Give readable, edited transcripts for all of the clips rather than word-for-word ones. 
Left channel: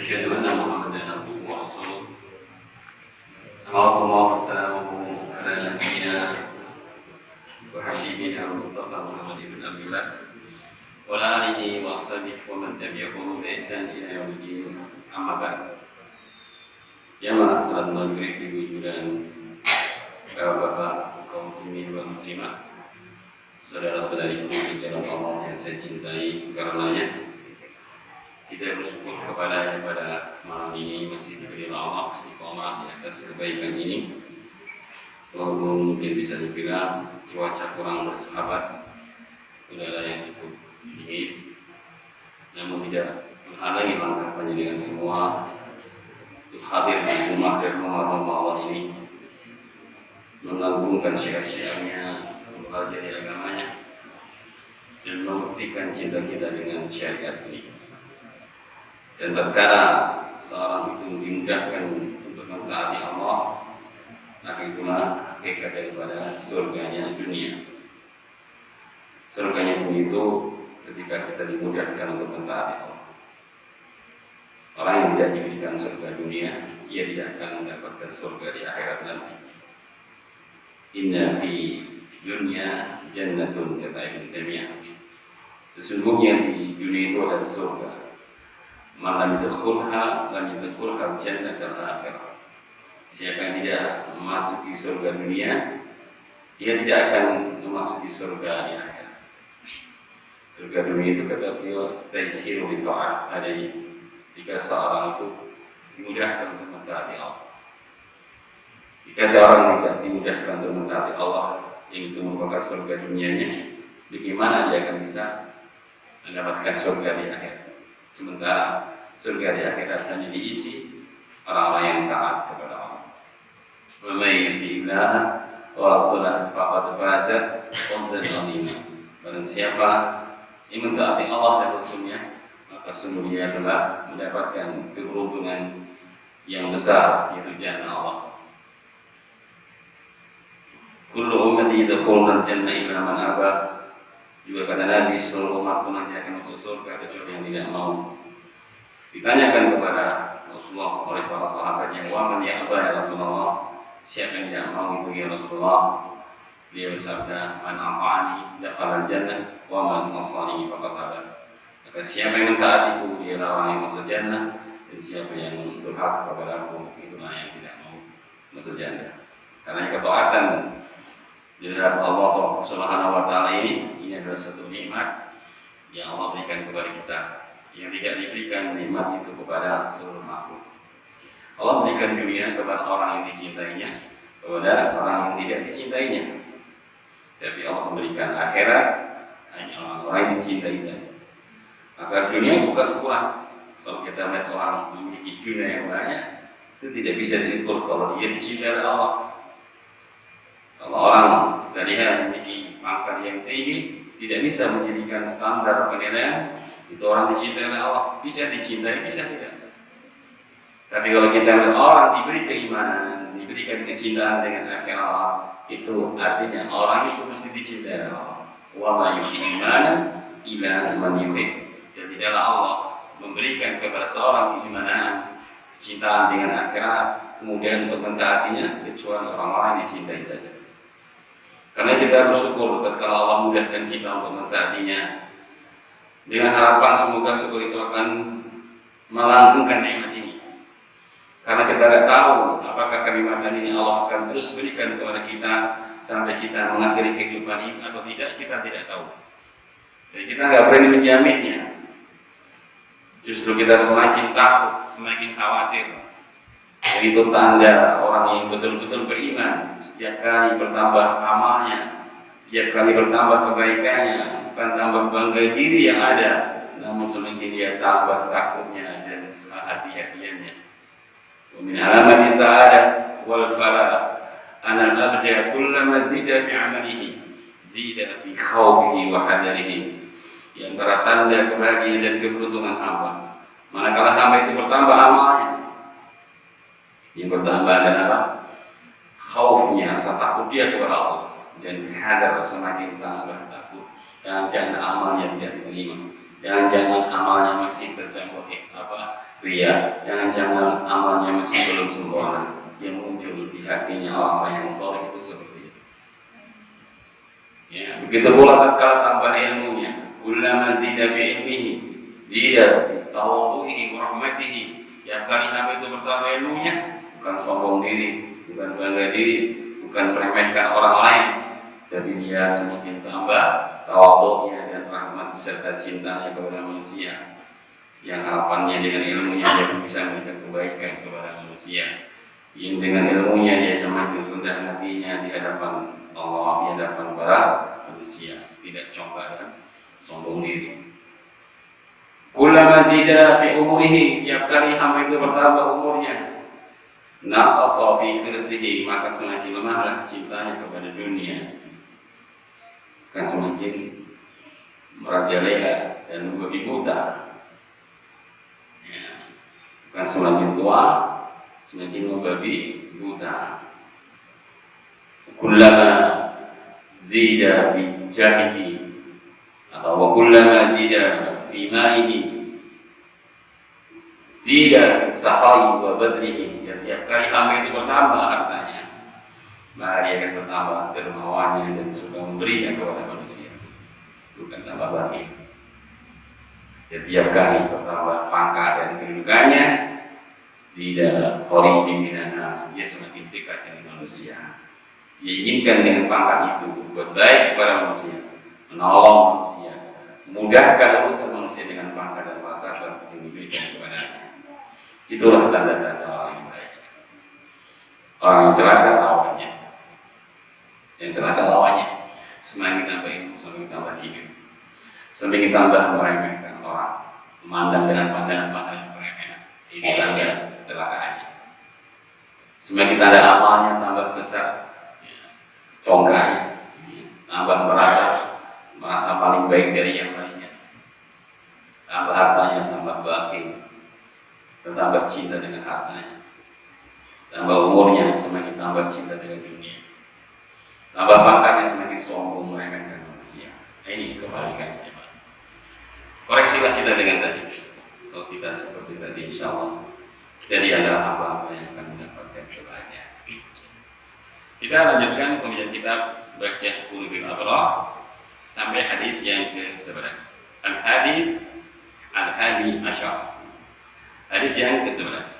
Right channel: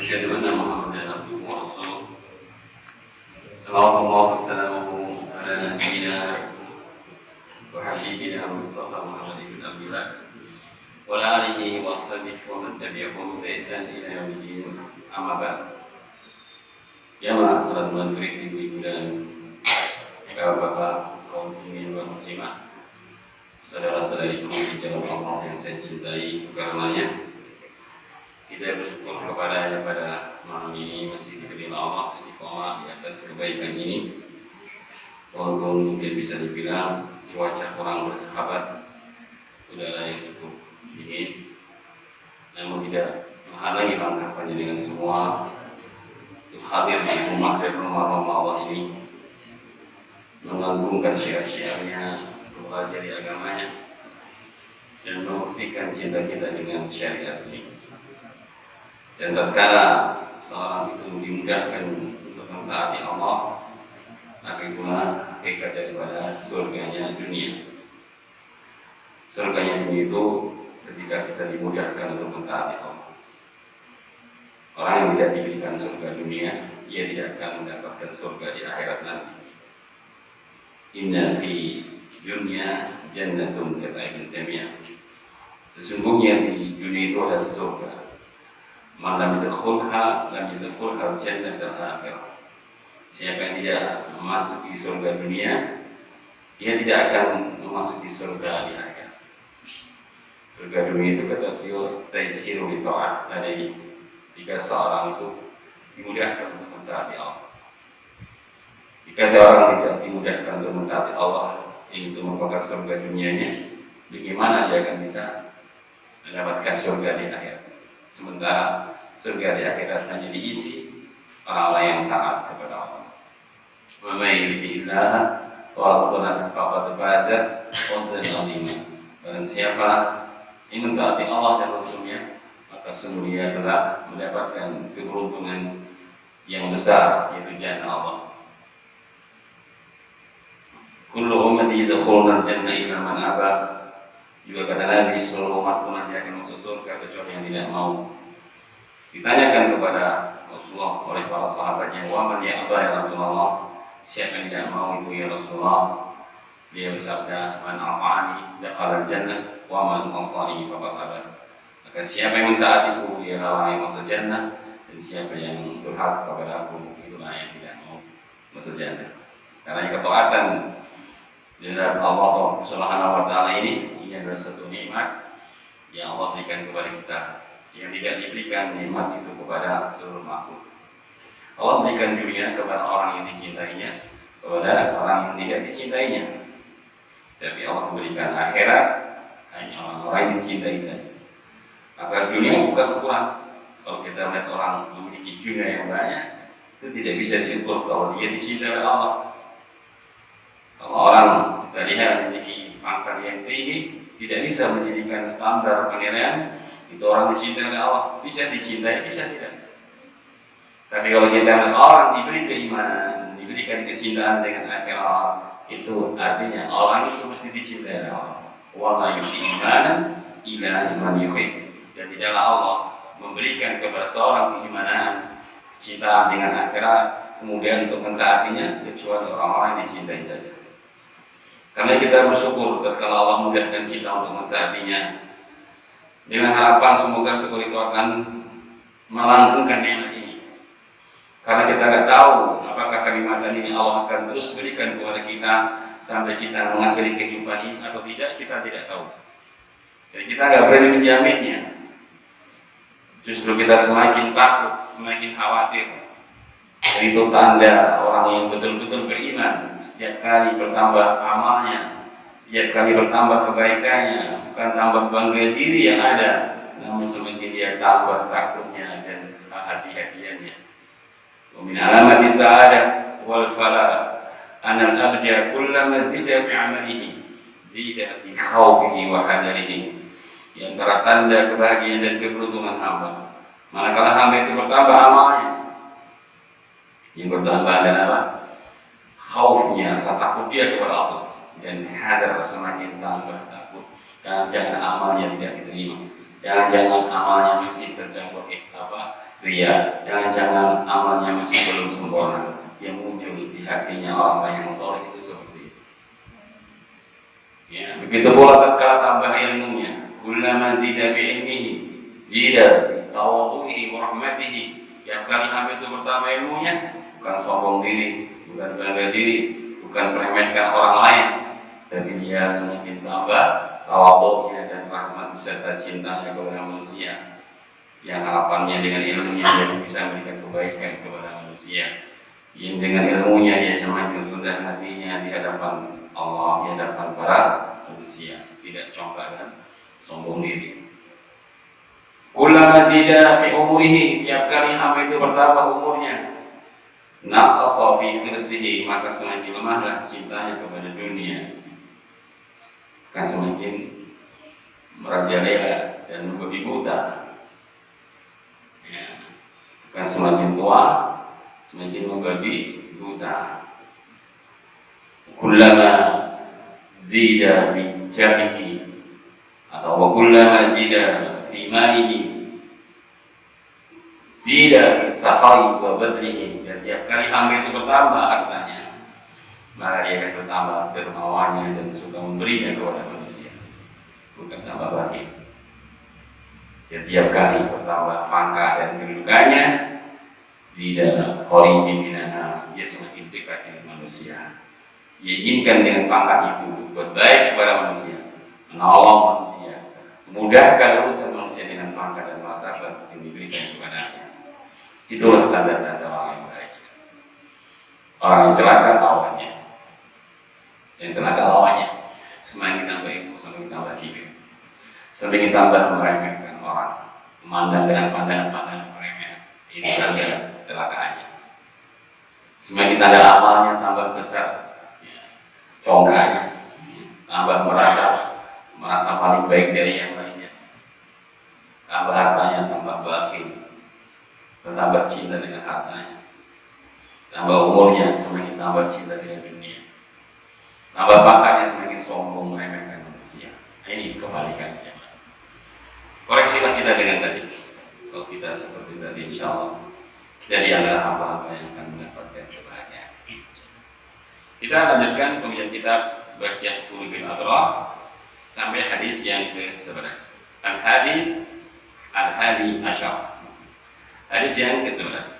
أشهد أن محمدا عبده ورسوله صلوات الله وسلامه على نبينا وحبيبنا المصطفى محمد بن عبد الله وعلى آله وأصحابه ومن تبعهم بإحسان إلى يوم الدين. أما بعد. Jamaah salat maghrib, ibu-ibu dan bapak-bapak, kaum muslimin dan muslimah, saudara-saudariku di jalan Allah yang saya cintai, karenanya kita bersyukur kepada-Nya pada malam ini masih diberi Allah istiqomah di atas kebaikan ini. Walaupun mungkin bisa dibilang cuaca kurang bersahabat, udara yang cukup dingin, namun tidak menghalangi langkah panjenengan semua untuk hadir di rumah dan rumah-rumah Allah ini, mengagungkan syiar-syiarnya, mempelajari agamanya, dan membuktikan cinta kita dengan syariat ini. Dan tatkala seorang itu dimudahkan untuk mentaati Allah, maka itulah hakikat daripada surganya dunia. Surganya dunia itu ketika kita dimudahkan untuk mentaati Allah. Orang yang tidak diberikan surga dunia, ia tidak akan mendapatkan surga di akhirat nanti. Inna fi dunya jannatun, kata Ibnu Taimiyah. Sesungguhnya di dunia itu ada surga. Man lam yadkhulha lam yadkhulha jannatal akhirah. Siapa yang tidak memasuki surga dunia, ia tidak akan memasuki surga di akhirat. Surga dunia itu kata beliau taisiru li ta'ah, adai jika seorang itu dimudahkan untuk mentaati Allah. Jika seorang tidak dimudahkan untuk mentaati Allah, yang itu merupakan surga dunianya, bagaimana dia akan bisa mendapatkan surga di akhirat? Sementara surga di akhirat hanya diisi orang-orang yang taat kepada Allah. Wa may yuti'illah wa rasulahu faqad faza fawzan 'azima. Barang siapa yang mentaati Allah dan Rasulnya, maka sungguh dia telah mendapatkan keberuntungan yang besar, yaitu jannah Allah. Kullu ummati yadkhuluna al-jannah illa man aba. Juga kata Nabi, seluruh umatku nanti akan masuk surga kecuali yang tidak mau. Ditanyakan kepada Rasulullah oleh para sahabatnya, wa man ya aba ya Rasulullah, siapa yang tidak mau itu ya Rasulullah? Dia bersabda, man ata'ani dakhala al-jannah wa man asani faqad aba. Maka siapa yang mentaatiku dia orang yang masuk jannah, dan siapa yang durhaka kepada aku itulah yang tidak mau masuk jannah. Karena ketaatan di dalam Allah Subhanahu wa taala ini adalah satu nikmat yang Allah berikan kepada kita, yang tidak diberikan nikmat itu kepada seluruh makhluk. Allah berikan dunia kepada orang yang dicintainya, kepada orang yang tidak dicintainya. Tapi Allah memberikan akhirat hanya orang-orang yang dicintai saja. Maka dunia bukan kurang. Kalau kita melihat orang memiliki dunia yang banyak, itu tidak bisa diukur kalau dia dicintai oleh Allah. Kalau orang kita lihat memiliki pangkat yang tinggi, tidak bisa menjadikan standar penilaian itu orang dicintai oleh Allah. Bisa dicintai, bisa tidak. Tapi kalau kita melihat orang diberi keimanan, diberikan kecintaan dengan akhirat, itu artinya orang itu mesti dicintai oleh Allah. Wa ma yuti imanan illa man yuhib. Dan tidaklah Allah memberikan kepada seorang keimanan, kecintaan dengan akhirat, kemudian untuk mentaatinya kecuali orang-orang dicintai saja. Karena kita bersyukur ketika Allah mudahkan kita untuk mentaatinya, dengan harapan semoga syukur itu akan melanggengkan nikmat ini. Karena kita tidak tahu apakah kenikmatan ini Allah akan terus berikan kepada kita sampai kita mengakhiri kehidupan ini atau tidak, kita tidak tahu. Jadi kita nggak berani menjaminnya. Justru kita semakin takut, semakin khawatir. Jadi itu tanda orang yang betul-betul beriman. Setiap kali bertambah amalnya, setiap kali bertambah kebaikannya, bukan tambah bangga diri yang ada, namun semakin dia tambah takutnya dan hati-hatiannya. Wa min alamati sa'adah wal falah anal abda kullama zida fi amalihi zida fi khawfihi wa hadarihi. Yang antara tanda kebahagiaan dan keberuntungan hamba, manakala hamba itu bertambah amalnya, yang bertambah dan apa? Khaufnya, rasa takut dia kepada Allah, dan hadar semakin tambah takut dan jangan amalnya tidak diterima. Jangan-jangan amalnya masih tercampur ria. Jangan-jangan amalnya masih belum sempurna. Yang muncul di hatinya orang-orang yang soleh itu seperti itu. Ya, begitu pula tatkala tambah ilmunya. Kullama zida fi ilmihi, zida fi tawadhuhi wa rahmatihi. Tiap kali hamba itu bertambah ilmunya, bukan sombong diri, bukan bangga diri, bukan meremehkan orang lain, tapi dia semakin tambah tawadhunya dan rahmat serta cintanya kepada manusia. Yang harapannya dengan ilmunya dia bisa memberikan kebaikan kepada manusia. Yang dengan ilmunya dia semakin rendah hatinya di hadapan Allah, di hadapan para manusia, tidak congkak dan sombong diri. Kullama zida fi umurihi, tiap kali hamba itu bertambah umurnya, naqasa fi khirsihi, maka semakin lemahlah cintanya kepada dunia, akan semakin merajalela dan membabi buta. Ya, akan semakin tua, semakin membabi buta. Kullama zida fi jahihi, atau kullama zida fi malihi, zida fi sahai wa badlihi. Dan tiap kali hamba itu bertambah hartanya, maka dia akan bertambah dermawannya dan suka memberinya kepada manusia, bukan tambah lagi. Dan tiap kali bertambah pangkat dan kedudukannya, zida qaribin minan nas, dia semakin dekat dengan manusia. Dia inginkan dengan pangkat itu berbuat baik kepada manusia, menolong manusia, memudahkan urusan manusia dengan pangkat dan martabat yang diberikan kepadanya. Itulah tanda-tanda orang yang baik. Orang yang celaka lawannya, yang celaka lawannya semakin tambah ilmu, semakin tambah kibir, semakin tambah meremehkan orang, memandang dengan pandangan peremehan. Ini tanda kecelakaannya. Semakin tanda amalnya tambah besar, congkaknya, tambah merasa paling baik dari yang lainnya, tambah hartanya tambah bakhil, bertambah cinta dengan hartanya, tambah umurnya semakin tambah cinta dengan dunia, tambah pangkatnya semakin sombong meremehkan manusia. Ini kebalikannya. Koreksilah kita dengan tadi. Kalau kita seperti tadi, insya Allah kita di antara hamba-hamba yang akan mendapatkan kebahagiaan. Kita lanjutkan pembacaan kitab Baca Qulubil Abrar sampai hadis yang ke-11. Al-hadis al-hadi asyar. Hadis yang ke-11.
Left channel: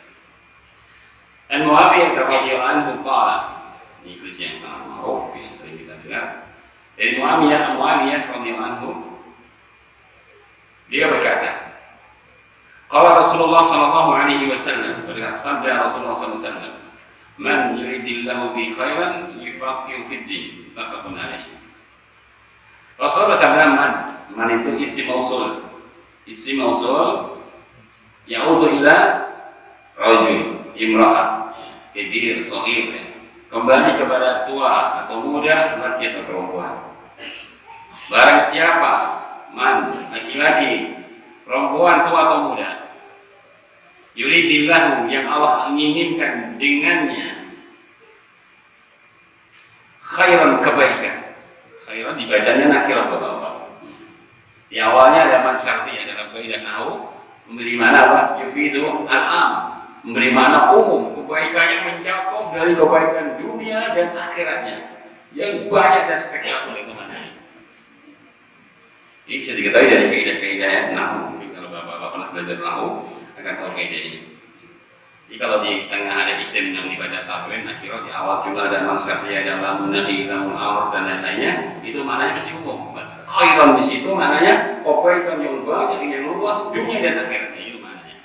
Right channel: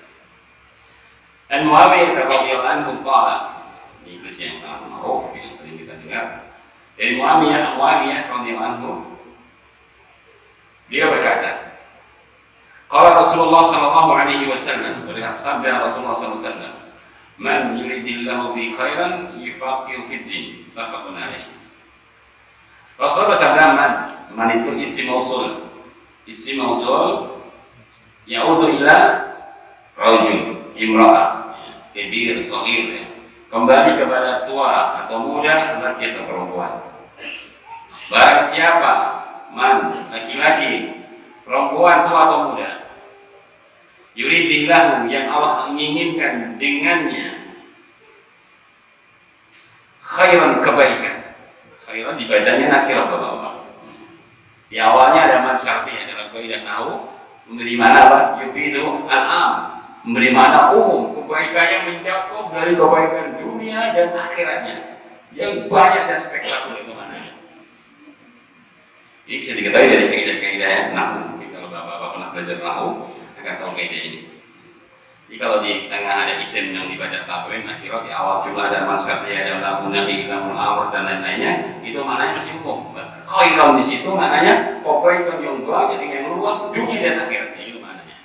An Muawiyah radhiyallahu anhu qala, ini hadis yang sangat ma'ruf yang sering kita dengar. Dari Muawiyah radhiyallahu anhu, dia berkata, qala Rasulullah sallallahu alaihi wasallam, bersabda Rasulullah sallallahu alaihi wasallam, man yuridillahu bi khairan yufaqihu fid din, muttafaqun alaih. Rasulullah bersabda, man itu isim mausul yaudu ila rajul, imra'ah, kabir, shaghir, kembali kepada tua atau muda, laki atau perempuan. Barang siapa, man, laki-laki, perempuan, tua atau muda, yuridillahu, yang Allah inginkan dengannya khairan, kebaikan. Khairan dibacanya nakirah Bapak. Di awalnya ada man syartiyah dalam kaidah nahwu, memberi mana apa? Yufidu al-am, memberi mana umum, kebaikannya mencakup dari kebaikan dunia dan akhiratnya yang banyak dan spektakuler kemananya. Ini bisa diketahui dari kaidah-kaidah nahwu. Kalau Bapak pernah belajar nahwu akan tahu kaidah ini. Jadi kalau di tengah ada isim yang dibaca tabrin, nakirah, di awal juga ada masyariyah, ada lamun nahi, lamun amr dan lain-lainnya, itu maknanya mesti umum. Khairan di situ maknanya kebaikan yang banyak, yang luas dunia dan akhirat. Itu maknanya.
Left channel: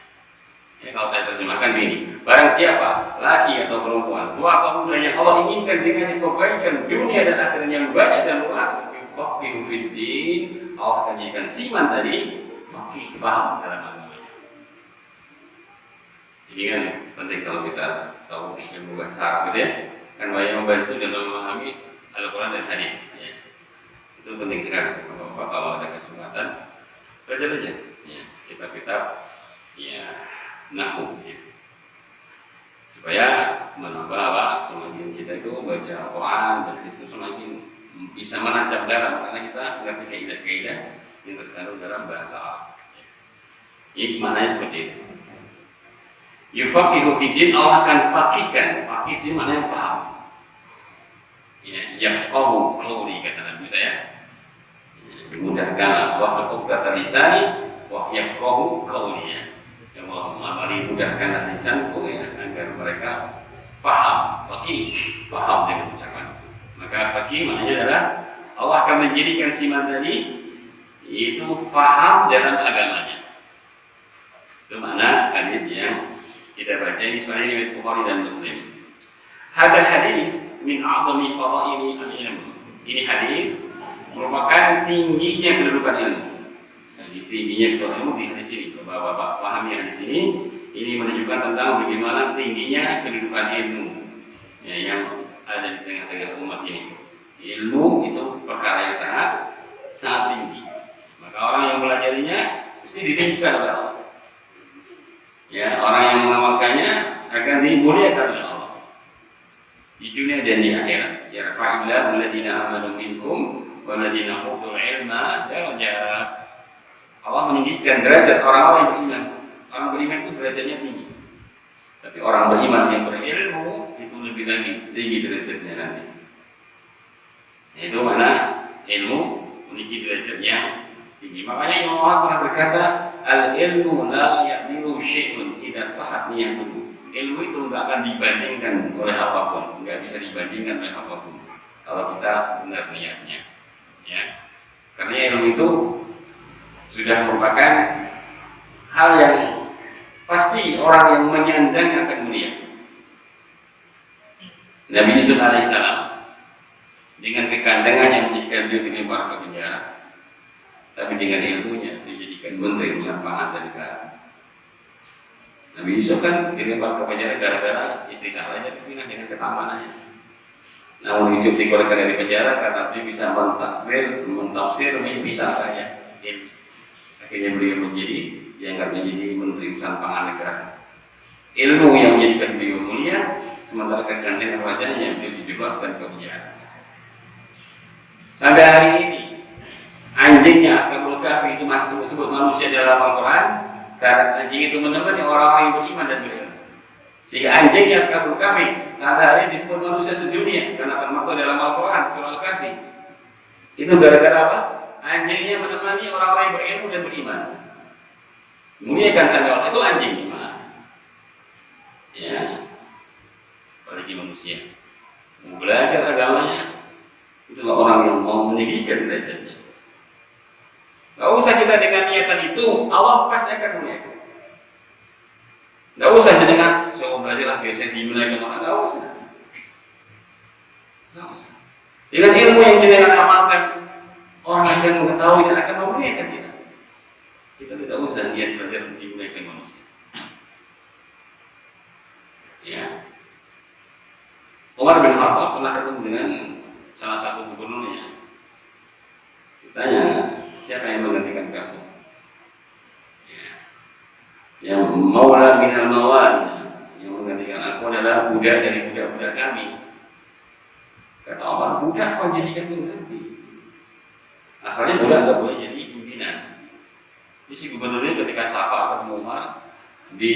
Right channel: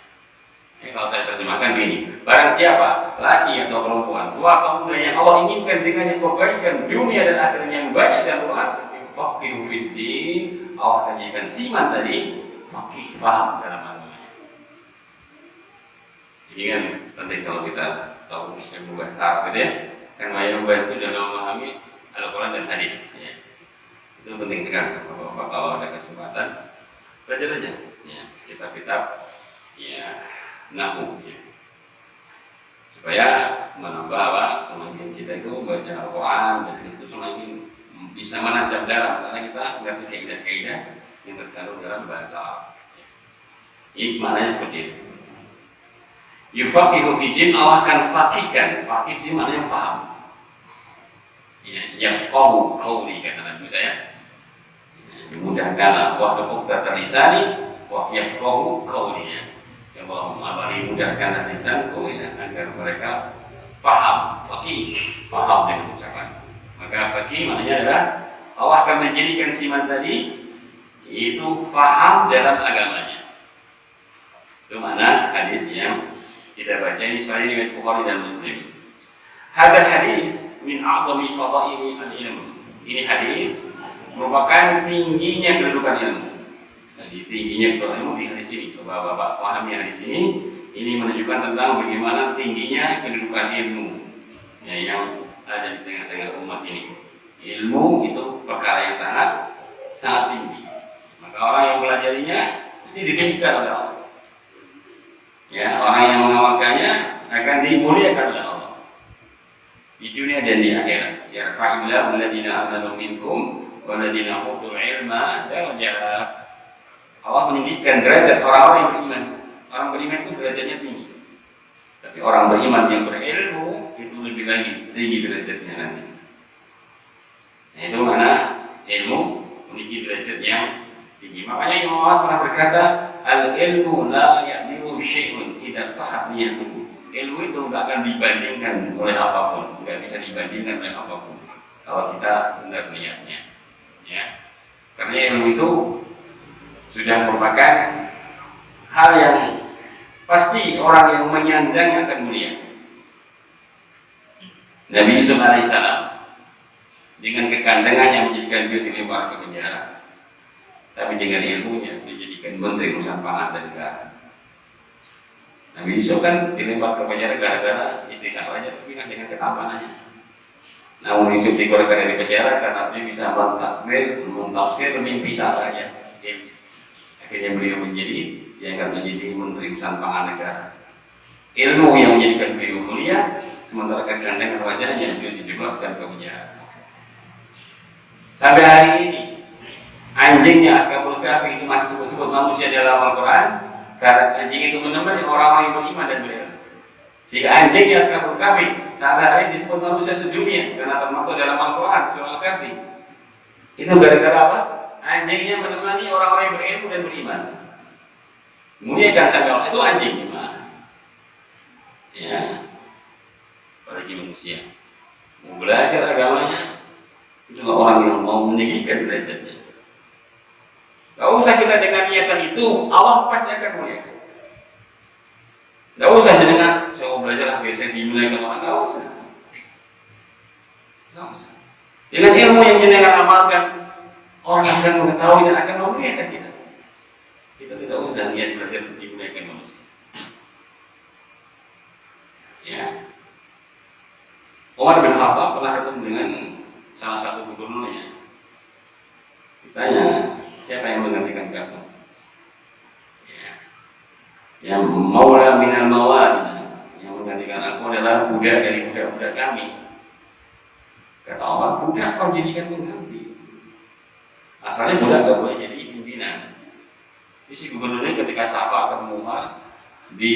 Ya, kalau saya terjemahkan begini, barang siapa, laki atau perempuan, tua atau muda, yang Allah inginkan dengannya kebaikan dunia dan akhirat yang banyak dan luas, faqihu fid din, Allah akan jadikan siman tadi faqih, paham dalam agamanya. Ini kan penting kalau kita tahu ilmu bahasa Arab gitu ya, kan banyak membantu dalam memahami Al-Quran dan hadis. Ya. Itu penting sekali. Kalau ada kesempatan belajar aja, ya, kitab-kitab ya nahwu, ya. Supaya menambah apa? Semakin kita itu baca Al-Quran dan hadis itu semakin bisa menancap dalam, karena kita mengerti kaidah-kaidah yang terkandung dalam bahasa Arab. Ini maknanya seperti itu. Yufaqihu fiddin, Allah akan fakihkan. Fakih sih maknanya faham. Ya, yafqahu qawli kata Nabi saya. Dimudahkan Allah berkata lisani wa yafqahu qawli. Allahumma bari mudahkanlah lisanku agar mereka faham, fakih, faham dengan ucapan. Maka fakih maknanya adalah Allah akan menjadikan siman tadi itu faham dalam agamanya. Itu makna hadis yang kita baca di Sahih riwayat Bukhari dan Muslim. Hadal hadis min a'zami fadaili al-ilm. Ini hadis merupakan tingginya kedudukan ilmu. Jadi tingginya kedudukan ilmu di hadis ini. Bapak-bapak pahami hadis ini menunjukkan tentang bagaimana tingginya kedudukan ilmu ya, yang ada di tengah-tengah umat ini. Ilmu itu perkara yang sangat tinggi. Maka orang yang pelajarinya mesti ditinggikan oleh Allah. Ya, orang yang mengamalkannya akan dimuliakan oleh Allah di dunia dan di akhirat. Ya fa'illahu alladziina aamanu minkum walladzina utul ilma darajat. Allah meninggikan derajat orang-orang yang beriman. Orang beriman itu derajatnya tinggi. Tapi orang beriman yang berilmu itu lebih lagi tinggi derajatnya nanti. Itu mana ilmu memiliki derajat yang tinggi. Makanya Imam Ahmad pernah berkata, al-ilmu la ya'dilu syai'un idza sahat niyatuhu. Ilmu itu enggak akan dibandingkan oleh apapun, enggak bisa dibandingkan oleh apapun kalau kita benar niatnya. Ya. Karena ilmu itu sudah merupakan hal yang pasti orang yang menyandang akan mulia. Nabi Yusuf alaihissalam dengan kekandangan yang menjadikan beliau dilempar ke penjara, tapi dengan ilmunya dijadikan menteri urusan pangan dan negara. Nabi Yusuf kan dilempar ke penjara gara-gara istri salahnya terfinah dengan ketampanannya. Namun Yusuf dikeluarkan dari penjara karena dia bisa mentafsir mimpi salahnya. Akhirnya beliau diangkat menjadi menteri urusan pangan negara. Ilmu yang menjadikan beliau mulia, sementara kekandangan wajahnya beliau dijebloskan ke penjara. Sampai hari ini anjingnya Ashabul Kahfi itu masih disebut manusia dalam Al-Quran karena anjing itu menemani orang-orang yang beriman dan berilmu. Sehingga anjingnya Ashabul Kahfi sampai hari ini disebut manusia sedunia karena termasuk dalam Al-Quran surah Al-Kahfi. Itu gara-gara apa? Anjingnya menemani orang-orang yang berilmu dan beriman. Muliakan sampai Allah itu anjing gimana? Ya, apalagi manusia mau belajar agamanya, itulah orang yang mau meninggikan derajatnya. Gak usah kita dengan niatan itu, Allah pasti akan muliakan. Gak usah dengan saya mau belajar lah biar saya dimuliakan orang, gak usah. Gak usah. Dengan ilmu yang kita amalkan, orang akan mengetahui dan akan memuliakan kita. Kita tidak usah niat belajar untuk dimuliakan manusia. Ya. Umar bin Khattab pernah ketemu dengan salah satu gubernurnya. Ditanya, siapa yang menggantikan kamu? Ya. Yang maula minal mawal, yang menggantikan aku adalah budak dari budak-budak kami. Kata Umar, budak kau jadikan pengganti. Asalnya budak nggak boleh jadi pimpinan. Jadi si gubernurnya ketika safar ketemu Umar di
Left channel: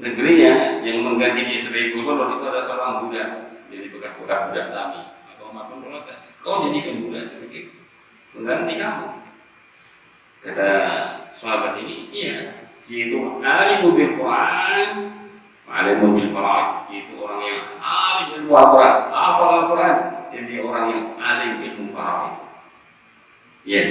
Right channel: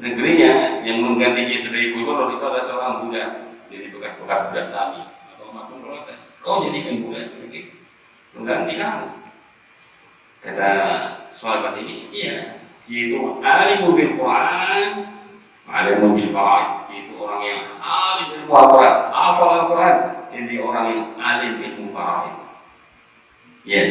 negerinya, yang mengganti dia sebagai gubernur itu ada seorang budak, jadi bekas-bekas budak kami. Maka Umar pun protes, kau jadikan budak sebagai pengganti kamu. Kata sahabat ini, iya, itu alim bil Quran, alim bil faraid, itu orang yang alim ilmu Al-Quran, hafal Al-Quran, jadi orang yang alim ilmu faraid. Ya,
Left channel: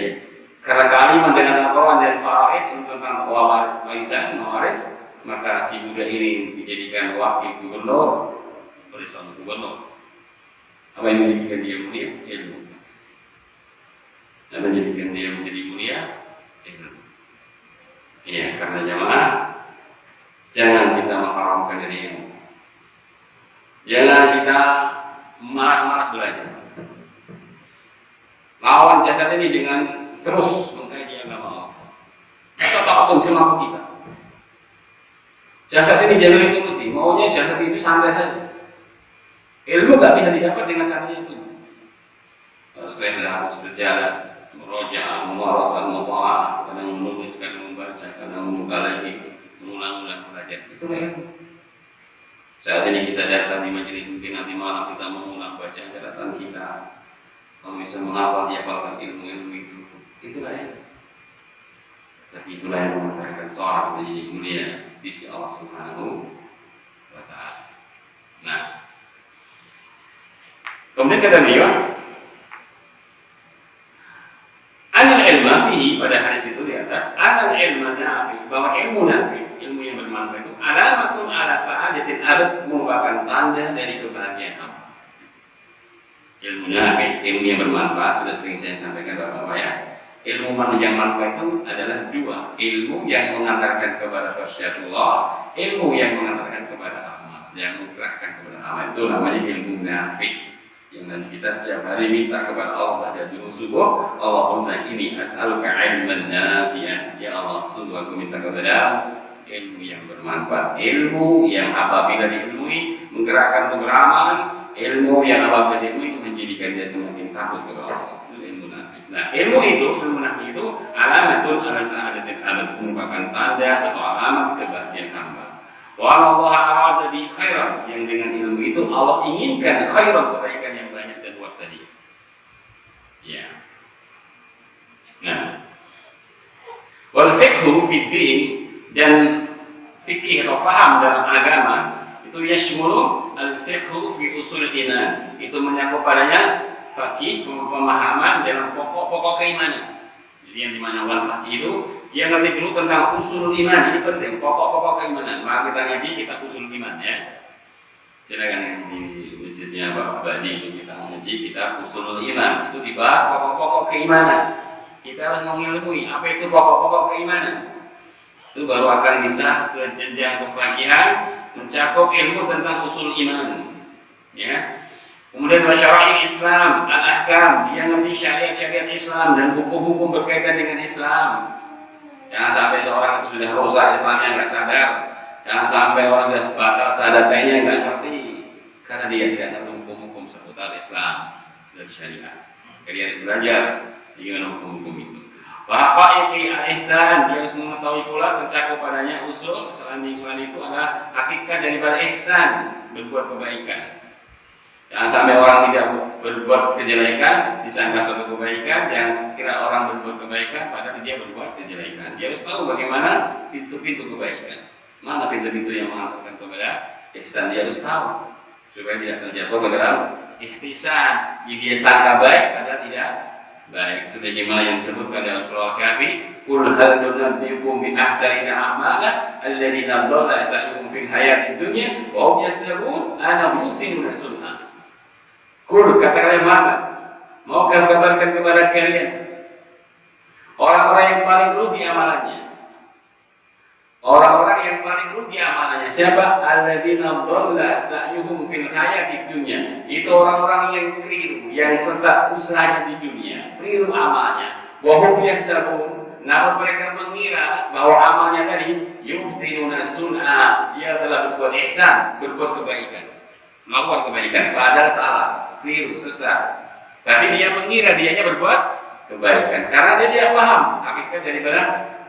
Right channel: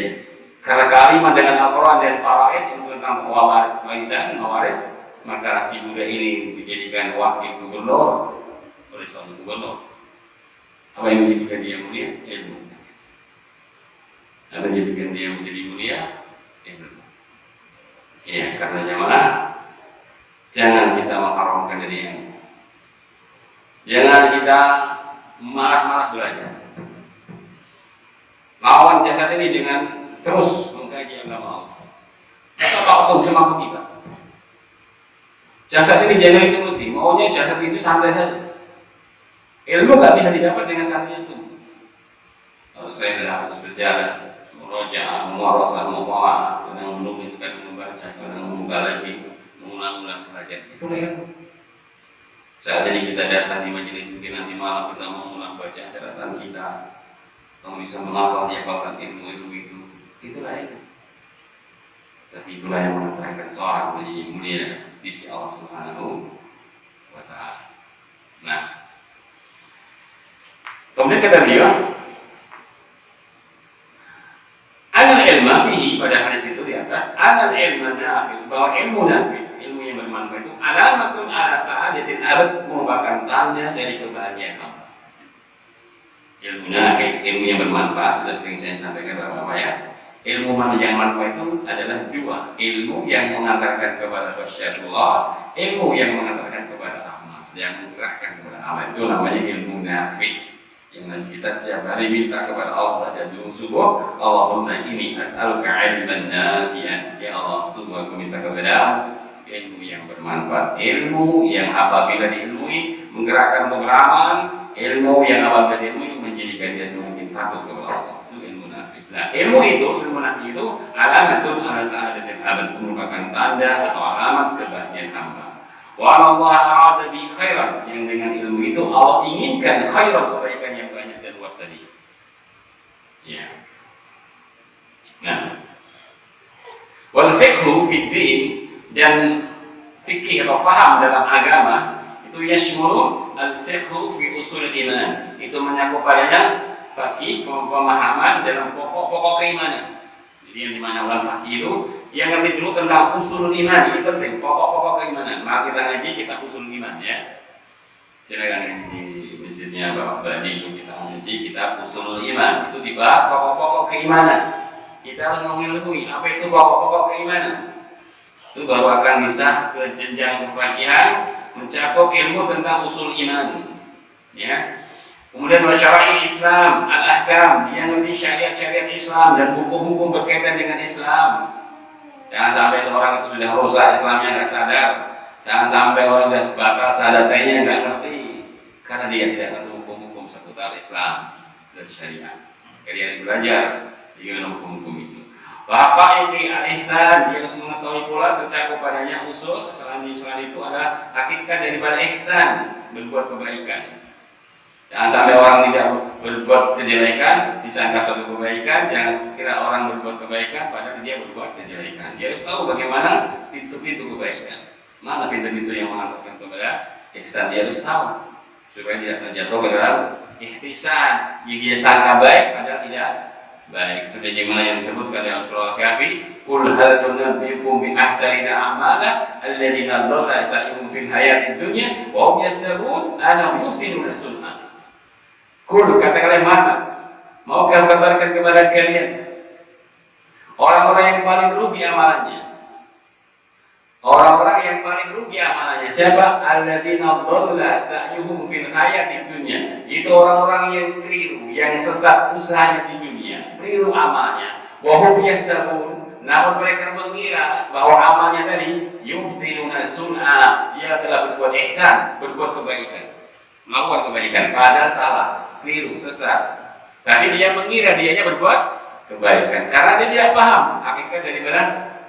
karena kealiman dengan Al-Quran dan faraid itu tentang waris, maka si budak ini dijadikan wakil gubernur oleh seorang gubernur. Apa yang menjadikan dia mulia? Ilmu. Apa yang menjadikan dia menjadi mulia? Ilmu. Ya, karena jamaah, jangan kita mengharamkan dari ilmu. Jangan kita malas-malas belajar. Lawan jasad ini dengan terus mengkaji agama Allah. Kita tahu semampu kita. Jasad ini jangan dituruti, maunya jasad itu santai saja. Ilmu nggak bisa didapat dengan santai itu. Harus rela, harus berjalan. Murojaah, mumarasah, muthala'ah, kadang menulis, kadang membaca, kadang mengulang lagi, mengulang-ulang pelajaran. Itulah ilmu. Seandainya kita datang di majelis mungkin nanti malam kita mengulang bacaan catatan kita, kamu bisa menghafal dihafalkan ilmu-ilmu itu. Itulah ilmu. Tapi itulah yang mengantarkan seorang menjadi mulia di sisi Allah Subhanahu wa Ta'ala. Nah, kemudian kata beliau, anal ilma fihi, pada hadis itu di atas, anal ilma nafi, bahwa ilmu nafi, ilmu yang bermanfaat itu alamatun ala sa'adatin abad, merupakan tanda dari kebahagiaan hamba. Ilmu nafi, ilmu yang bermanfaat, sudah sering saya sampaikan Bapak ya. Ilmu yang manfaat itu adalah dua, ilmu yang mengantarkan kepada khasyatullah, ilmu yang mengantarkan kepada rahmat, yang menggerakkan kepada amal, itu namanya ilmu nafi. Yang nanti kita setiap hari minta kepada Allah pada dulu subuh, Allahumma inni as'aluka ilman nafi'an, ya Allah, sungguh aku minta kepada ilmu yang bermanfaat, ilmu yang apabila diilmui menggerakkan pengalaman, ilmu yang apabila diilmui menjadikan dia semakin takut kepada Allah. Itu ilmu nafi. Nah, ilmu nafi itu alamatul ala sa'adatil abad, merupakan tanda atau alamat kebahagiaan hamba. Wa Allah arada bi khairan, yang dengan ilmu itu Allah inginkan khairan, kebaikan yang banyak dan luas tadi. Ya. Nah, wal fiqhu fid din, dan fikih atau faham dalam agama itu yashmulu al fiqhu fi usul iman, itu mencakup padanya fikih, pemahaman dalam pokok-pokok keimanan. Jadi yang dimana wal faqih itu yang ngerti dulu tentang usul iman, ini penting, pokok-pokok keimanan. Maka kita ngaji, kita usul iman ya. Silakan ngaji di masjidnya Bapak Badi, kita ngaji, kita usul iman, itu dibahas pokok-pokok keimanan. Kita harus mengilmui apa itu pokok-pokok keimanan. Itu baru akan bisa ke jenjang kefakihan, mencakup ilmu tentang usul iman. Ya. Kemudian masyarakat Islam, al-ahkam, dia ngerti syariat-syariat Islam dan hukum-hukum berkaitan dengan Islam. Jangan sampai seorang itu sudah rusak Islamnya nggak sadar. Jangan sampai orang sudah batal syahadatnya nggak ngerti, karena dia tidak tahu hukum-hukum seputar Islam dan syariat. Jadi dia harus belajar bagaimana hukum-hukum itu. Bapak ini al-ihsan, dia harus mengetahui pula tercakup padanya usul selain itu adalah hakikat daripada ihsan, berbuat kebaikan. Jangan sampai orang tidak berbuat kejelekan disangka suatu kebaikan. Jangan kira orang berbuat kebaikan padahal dia berbuat kejelekan. Dia harus tahu bagaimana pintu-pintu kebaikan, mana pintu-pintu yang mengantarkan kepada ihsan. Dia harus tahu supaya tidak terjatuh ke dalam ihtisan, yang dia sangka baik padahal tidak baik. Sebagaimana yang disebutkan dalam surah Al-Kahfi, qul hal nunabbiukum bi ahsanina a'mala alladziina dhalla sa'yuhum fil hayatid dunya wa hum yahsabun annahum yuhsinuna sun'a. Kul, katakanlah Muhammad, maukah kabarkan kepada kalian orang-orang yang paling rugi amalannya? Orang-orang yang paling rugi amalannya siapa? Alladzina dhalla sa'yuhum fil hayatid dunya. Itu orang-orang yang keliru, yang sesat usahanya di dunia, keliru amalnya. Wa hum yahsabun, namun mereka mengira bahwa amalnya tadi yuhsinuna sun'a, dia telah berbuat ihsan, berbuat kebaikan, melakukan kebaikan, padahal salah, keliru, sesat. Tapi dia mengira dianya berbuat kebaikan karena dia tidak paham hakikat daripada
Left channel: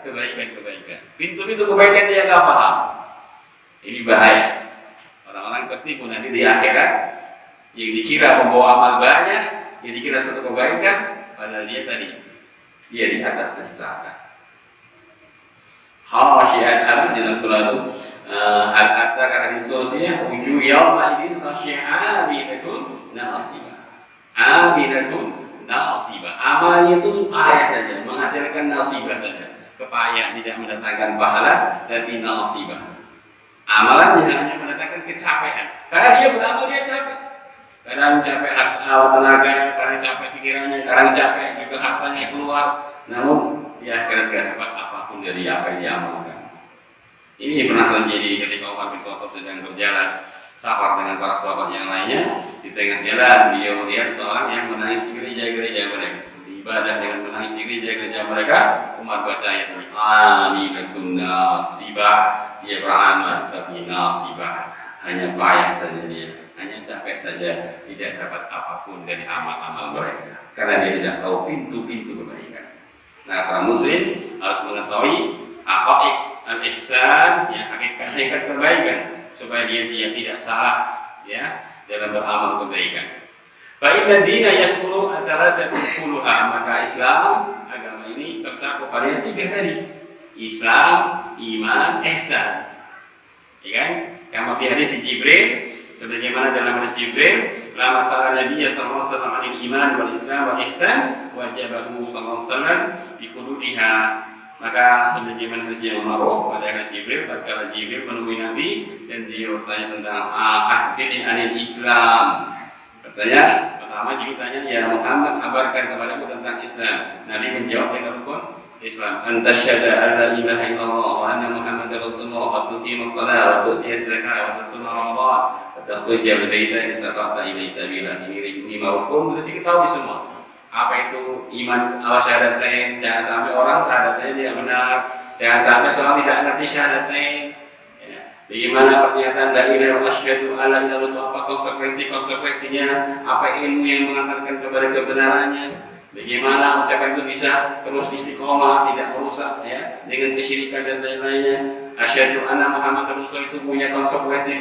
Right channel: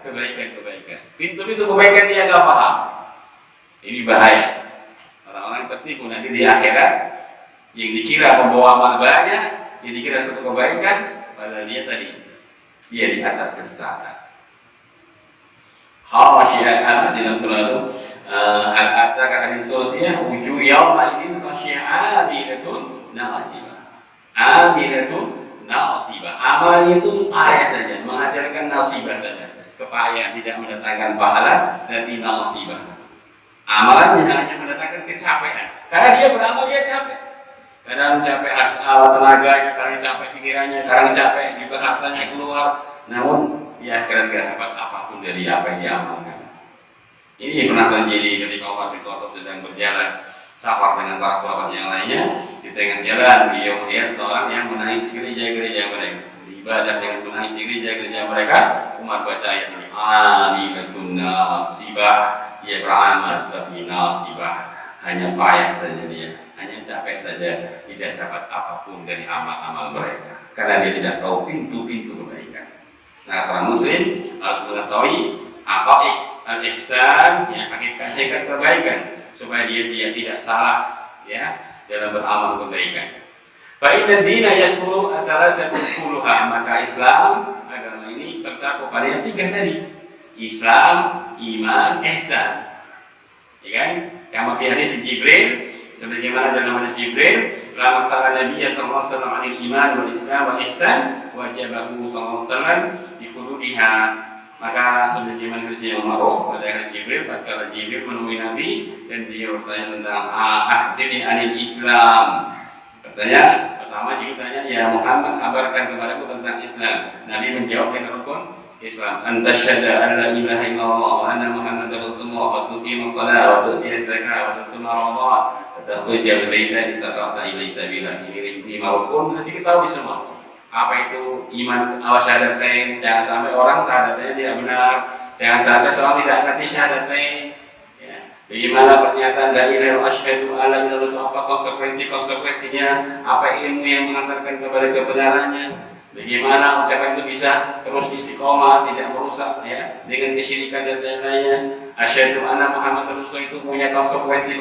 kebaikan-kebaikan. Pintu-pintu kebaikan dia nggak paham. Ini bahaya. Orang-orang tertipu nanti di akhirat, yang dikira membawa amal banyak, yang dikira suatu kebaikan, padahal dia di atas kesesatan. Khasyi'ah dalam surah Al-Ataka hadis sosial, wujuh yawma idin khasyi'ah amilatun nasibah. Amilatun nasibah. Amalnya itu payah saja, menghasilkan nasibah saja. Kepayah, tidak mendatangkan pahala, dan nasibah. Amalannya hanya mendatangkan kecapean. Karena dia beramal dia capek. Kadang capek tenaganya, kadang capek pikirannya, kadang capek juga hartanya keluar. Namun ya kira-kira dapat apapun dari apa yang diamalkan. Ini pernah terjadi ketika Umar bin Khattab sedang berjalan safar dengan para sahabat yang lainnya. Di tengah jalan beliau melihat seorang yang menangis di gereja-gereja mereka. Ibadah dengan menangis di gereja-gereja mereka. Umar baca ayat ini, amilatun nasibah, dia beramal tapi nasibah, hanya payah saja dia, hanya capek saja, tidak dapat apapun dari amal-amal mereka, karena dia tidak tahu pintu-pintu kebaikan. Nah, seorang muslim harus mengetahui haqaiq al-ihsan, ya, hakikat kebaikan, supaya dia tidak salah, ya, dalam beramal kebaikan. Fa inna dina yashmulu thalathatu kulluha, maka Islam, agama ini tercakup pada yang tiga tadi: Islam, iman, ihsan. Ya kan? Kama fi hadis Jibril, sebagaimana dalam hadis Jibril, lama salat Nabi sallallahu alaihi wasallam anil iman wal Islam wal ihsan, wajabahu sallallahu alaihi wasallam bi hududiha. Maka sebagaimana hadis yang ma'ruf pada hadis Jibril, tatkala Jibril menemui Nabi dan dia bertanya tentang ahdini anil Islam. Pertanyaan pertama Jibril tanya, ya Muhammad, kabarkan kepadaku tentang Islam. Nabi menjawab dengan rukun Islam, anta syahada an la ilaha illallah wa anna Muhammadar Rasulullah wa tuqimus shalah wa tu'tiyaz zakah wa tasuma Ramadan wa takhruja bil baiti istata'ta ilaihi sabila. Ini 5 rukun harus diketahui semua. Apa itu iman syahadatain? Jangan sampai orang syahadatnya tidak benar, jangan sampai seorang tidak ngerti syahadatain. Ya. Bagaimana pernyataan la ilaha illallah asyhadu an la ilaha illallah, apa konsekuensinya, apa ilmu yang mengantarkan kepada kebenarannya. Bagaimana ucapan itu bisa terus istiqomah, tidak merusak, ya, dengan kesyirikan dan lain-lainnya. Asyhadu anna Muhammadar Rasul itu punya konsekuensi.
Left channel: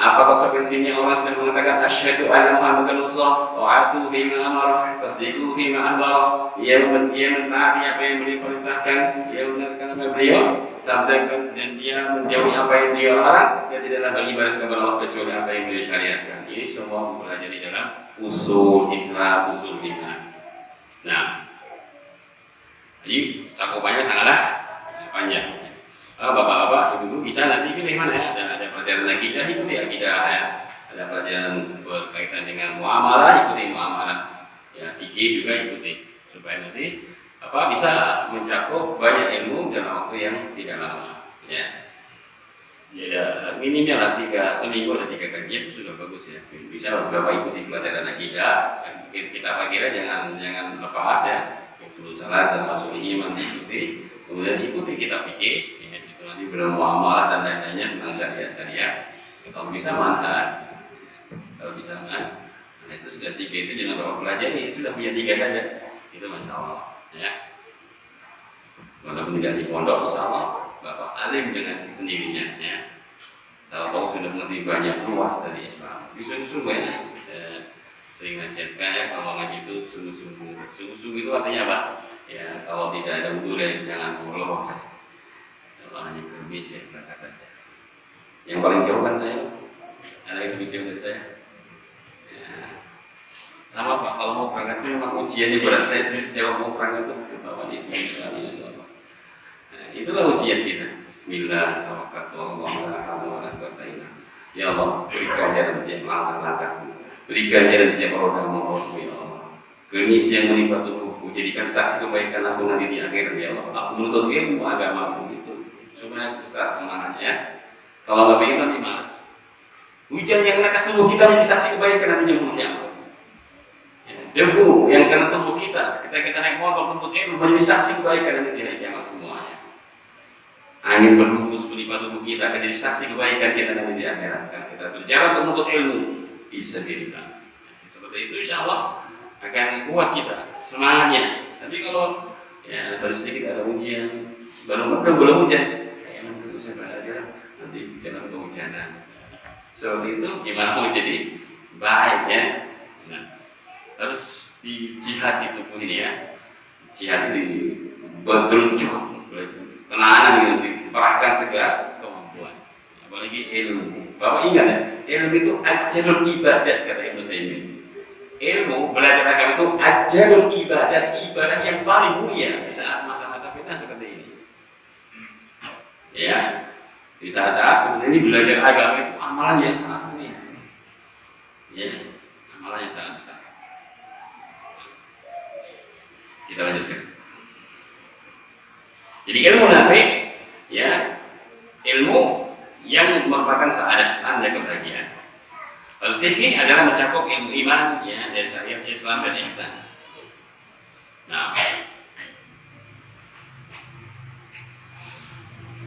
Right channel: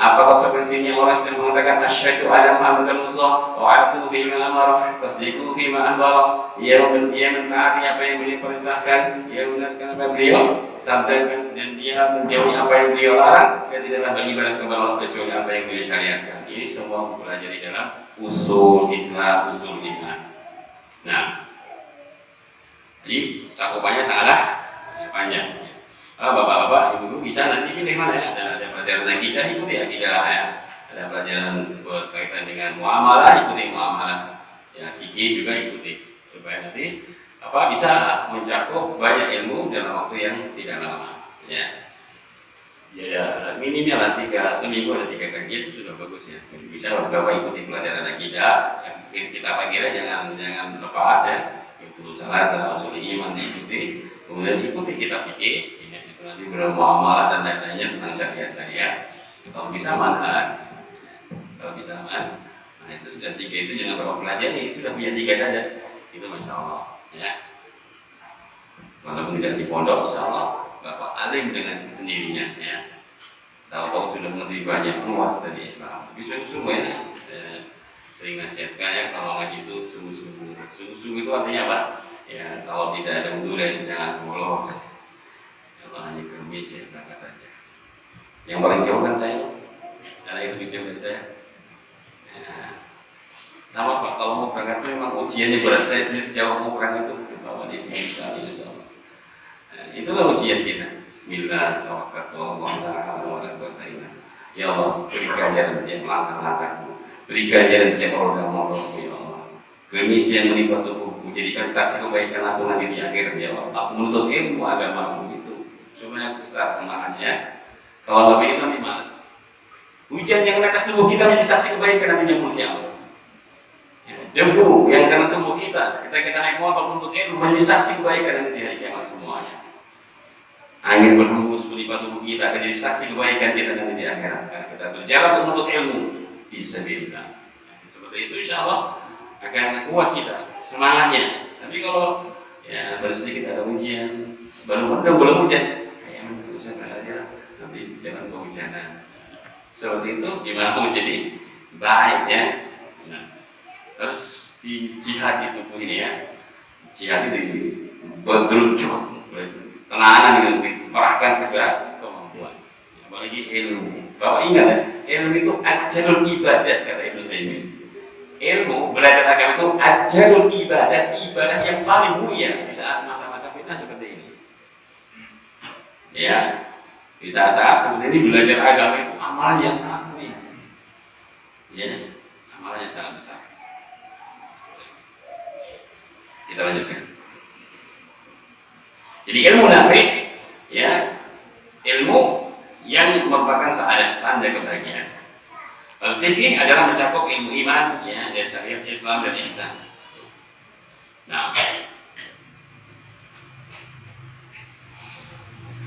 Apa konsekuensinya? Orang sudah mengatakan asyhadu anna Muhammadar Rasul, ta'atu bima amara, tasdiqu bima akhbara. Ia mentaati apa yang beliau perintahkan, ia membenarkan apa yang beliau sampaikan, dan dia menjauhi apa yang beliau larang, dan tidaklah beribadah kepada Allah kecuali apa yang beliau syariatkan. Ini semua mempelajari dalam usul Islam, usul iman. Nah, jadi cakupannya sangatlah panjang. Bapak-bapak, ibu-ibu bisa nanti pilih mana ya. Ada pelajaran akidah, ikuti akidah, ya. Ada pelajaran berkaitan dengan muamalah, ikuti muamalah. Ya, fikih juga ikuti, supaya nanti bisa mencakup banyak ilmu dalam waktu yang tidak lama. Ya. Ya, minimal seminggu ada 3 kajian itu sudah bagus ya. Bisa beberapa ikuti pelajaran akidah, kita pagi jangan lepas ya. Usul salah sama usul iman diikuti, kemudian ikuti kitab fikih, ya, itu nanti bermuamalah dan lain-lainnya tentang syariah. Kalau bisa manhaj, kalau bisa manhaj, nah itu sudah 3 itu jangan bawa pelajari, sudah punya 3 saja, itu masya Allah, ya. Walaupun tidak di pondok, insya Allah Bapak alim dengan sendirinya, ya. Tahu-tahu sudah ngerti banyak luas dari Islam. Sungguh-sungguh ya, saya sering nasihatkan ya, kalau ngaji itu sungguh-sungguh. Sungguh-sungguh itu artinya apa? Ya, kalau tidak ada wudhu jangan bolos. Kalau hanya kermis ya berangkat aja. Yang paling jauh kan saya, ada yang lebih jauh dari saya. Ya. Sama Pak, kalau mau berangkat itu memang ujiannya berat. Saya sendiri jauh mau berangkat itu bawa di misalnya insya Allah. Itulah ujian kita. Bismillah, tawakkaltu ala Allah. Ya Allah, berikan jalan yang langkah-langkah, berikan jalan yang orang-orang ya Allah. Kemis yang menimpa tubuhku, jadikan saksi kebaikan aku nanti di akhir ya Allah. Aku menuntut ilmu agama begitu, supaya besar semangatnya. Kalau nggak begitu nanti malas. Hujan yang menetes tubuh kita menjadi saksi kebaikan nantinya mulutnya Allah. Debu yang kena tubuh kita, ketika kita naik motor untuk ilmu menjadi saksi kebaikan nanti di akhir kiamat semuanya. Angin berhembus menimpa tubuh kita akan jadi saksi kebaikan kita nanti di akhirat. Kita berjalan untuk menuntut ilmu, bisa dirikan. Seperti itu insya Allah akan kuat kita semangatnya. Tapi kalau ya baru sedikit ada ujian, baru belum hujan, kayak hujan aja nanti jangan kehujanan. Seperti itu gimana mau jadi baik ya? Nah, harus di jihad di tubuh ini ya. Jihad di berderujat. Tenanan gitu, diperahkan segala kemampuan. Apalagi ilmu. Bapak ingat ya, ilmu itu ajarul ibadat kata Ibnu Taimiyah. Ilmu belajar agama itu ajarul ibadah yang paling mulia di saat masa-masa fitnah seperti ini. Ya, di saat-saat seperti ini belajar agama itu amalan yang sangat mulia. Ya, amalan yang sangat besar. Kita lanjutkan. Jadi ilmu nafi, ya, ilmu yang merupakan saadah, tanda kebahagiaan. Al-fiqih adalah mencakup ilmu iman, ya, dari syariat Islam dan ihsan. Nah,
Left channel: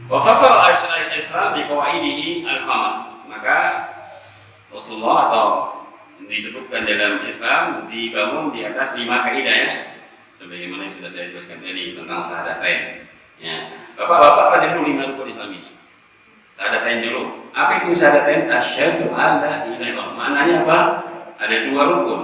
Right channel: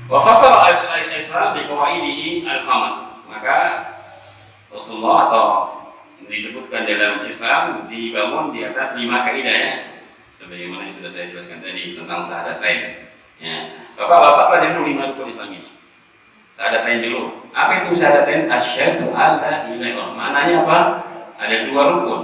wa fasala al-Islam bi qawaidihi al-khamas. Maka maka Rasulullah atau disebutkan dalam Islam dibangun di atas 5 kaidah ya. Sebagaimana yang sudah saya jelaskan tadi tentang syahadatain. Ya. Bapak-bapak pelajari dulu 5 rukun Islam ini. Syahadatain dulu. Apa itu syahadatain? Asyhadu an la ilaha illallah. Maknanya apa? Ada 2 rukun.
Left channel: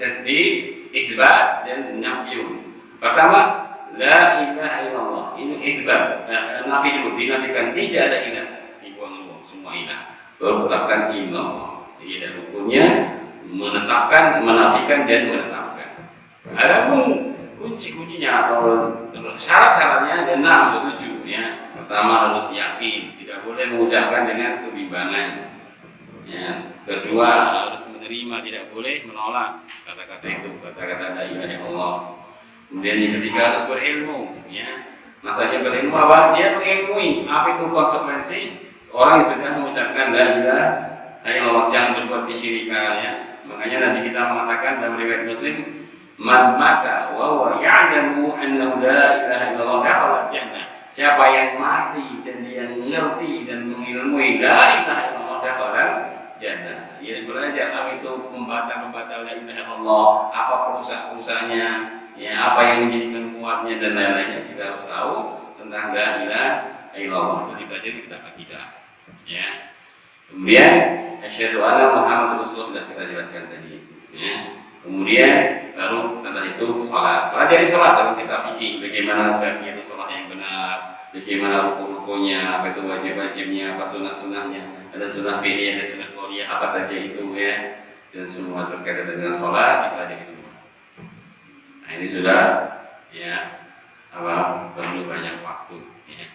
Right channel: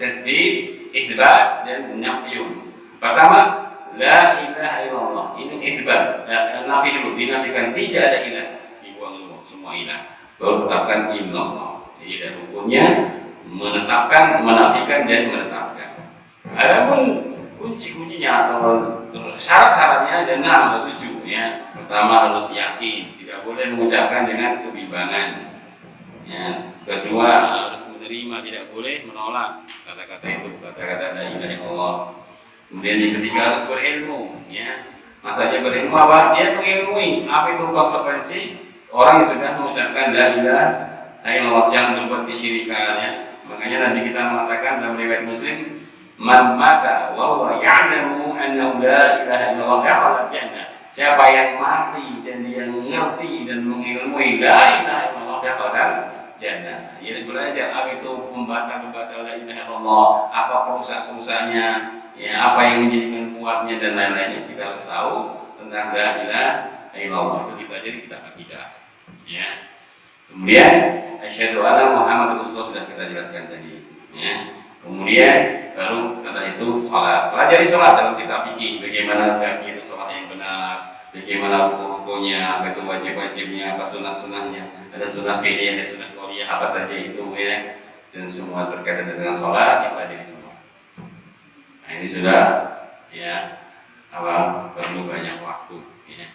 Tasbih, isbat dan nafyun. Pertama, la ilaha illallah. Ini isbat. Nafi dulu, dinafikan tidak ada ilah. Dibuang dulu semua ilah. Baru tetapkan illallah. Jadi ada rukunnya menetapkan, menafikan dan menetapkan. Adapun kunci-kuncinya atau syarat-syaratnya ada 6 atau 7 ya. Pertama harus yakin, tidak boleh mengucapkan dengan kebimbangan. Ya. Kedua harus menerima, tidak boleh menolak kata-kata itu, kata-kata la ilaha illallah. Kemudian yang ketiga harus berilmu, ya. Maksudnya berilmu apa? Dia mengilmui apa itu konsekuensi orang yang sudah mengucapkan la ilaha illallah, jangan berbuat kesyirikan ya. Makanya Nabi kita mengatakan dalam riwayat Muslim, man mata wa huwa ya'lamu annahu la ilaha illallah dakhala jannah. Siapa yang mati dan dia mengerti dan mengilmui la ilaha illallah dakhala jannah. Dia belajar apa itu pembatal-pembatal la ilaha illallah, apa perusak-perusaknya, ya, apa yang menjadikan kuatnya dan lain-lainnya. Kita harus tahu tentang la ilaha illallah. Itu dipelajari kitab akidah. Ya. Kemudian asyhadu anna Muhammadar Rasulullah sudah kita jelaskan tadi. Ya. Kemudian baru setelah itu sholat. Pelajari sholat dalam kitab fikih, bagaimana kafiyah itu sholat yang benar, bagaimana rukun-rukunnya, apa itu wajib-wajibnya, apa sunnah-sunnahnya, ada sunnah fi'liyah, ada sunnah qauliyah, apa saja itu ya, dan semua terkait dengan sholat dipelajari semua. Nah ini sudah ya perlu banyak waktu. Ya.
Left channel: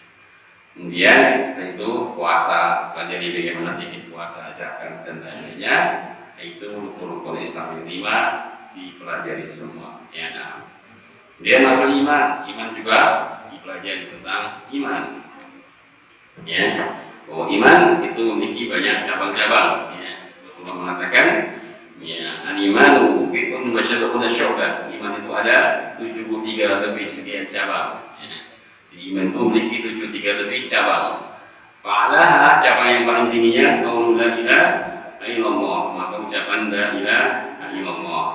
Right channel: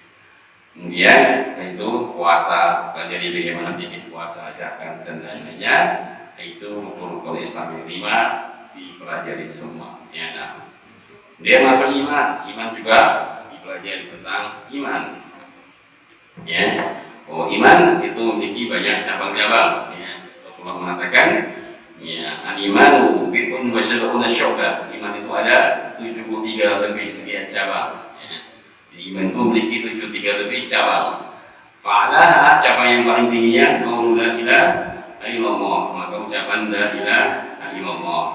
Kemudian setelah itu puasa, pelajari bagaimana fikih puasa, zakat dan lainnya. Itu rukun-rukun Islam yang 5 dipelajari semua. Ya, nah. Dia masuk iman juga dipelajari tentang iman. Ya, iman itu memiliki banyak cabang-cabang. Ya, Rasulullah mengatakan, ya, al-imanu bid'un wa sab'una syu'bah. Iman itu ada 73 lebih sekian cabang. Ya. Jadi iman itu memiliki 73 lebih cabang. Fa'alaha cabang yang paling tingginya qaul la ilaha illallah, maka ucapan la ilaha illallah.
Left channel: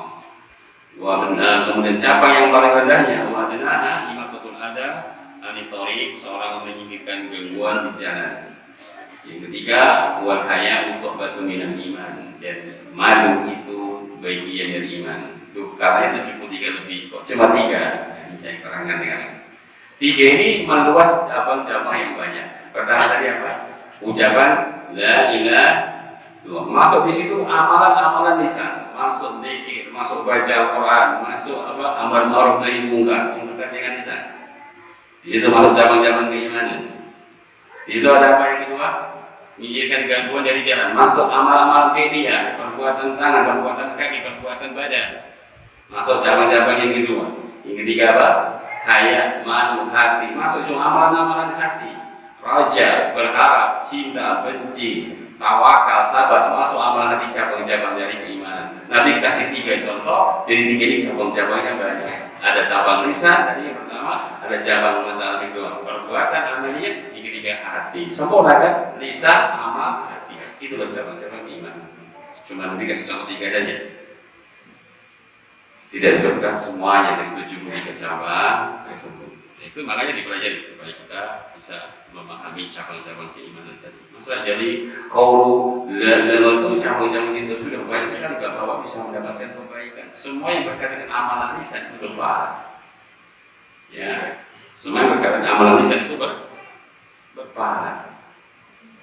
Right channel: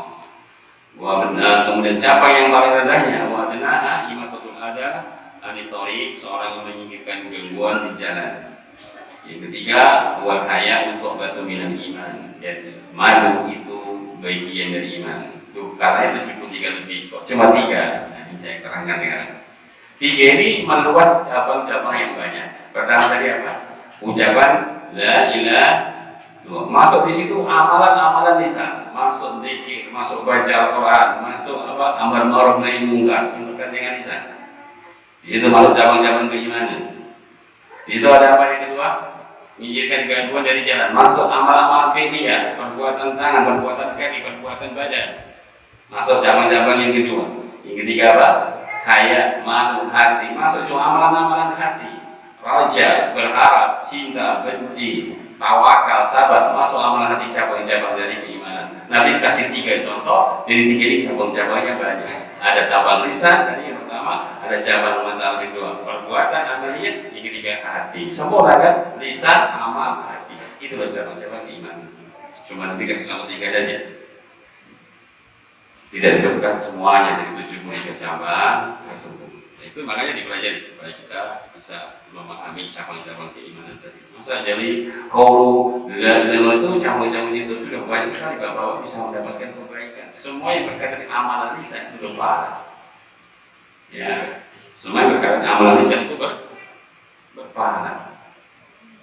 Wa benar, kemudian cabang yang paling rendahnya wa adnaha imatatul adha anit thariq, seorang menyingkirkan gangguan di jalan. Yang ketiga, wa haya usuhbatun minal iman, dan malu itu bagian dari iman. Itu katanya 73 lebih, kok cuma 3 yang saya terangkan dengan 3 ini meluas cabang-cabang yang banyak. Pertama tadi apa? Ucapan la ilaha, masuk di situ amalan-amalan lisan, masuk zikir, masuk baca Al-Quran, masuk amar ma'ruf nahi munkar, yang berkaitan dengan lisan. Itu masuk cabang-cabang keimanan. Itu ada apa yang kedua? Menyingkirkan gangguan dari jalan, masuk amal-amal fi'liyah, perbuatan tangan, perbuatan kaki, perbuatan badan. Masuk cabang-cabang yang kedua. Yang ketiga apa? Haya, malu, hati, masuk semua amalan-amalan hati. Raja, berharap, cinta, benci, tawakal, sabar, masuk amalan hati, cabang-cabang dari keimanan. Nabi kasih 3 contoh, dari 3 ini cabang-cabangnya banyak. Ada cabang lisan, tadi yang pertama, ada cabang masalah kedua, perbuatan, amaliyah, yang ketiga hati. Sempurna kan? Lisan, amal, hati. Itu loh cabang-cabang keimanan. Cuma Nabi kasih contoh 3 saja. Tidak disebutkan semuanya dari 73 cabang tersebut. Itu makanya dipelajari supaya kita bisa memahami cabang-cabang keimanan tadi. Masa jadi kalau dalam itu cabang-cabang itu sudah banyak sekali bahwa bisa mendapatkan kebaikan. Semua yang berkaitan dengan amalan lisan itu berpahala. Ya, semua yang berkaitan dengan amalan lisan itu berpahala.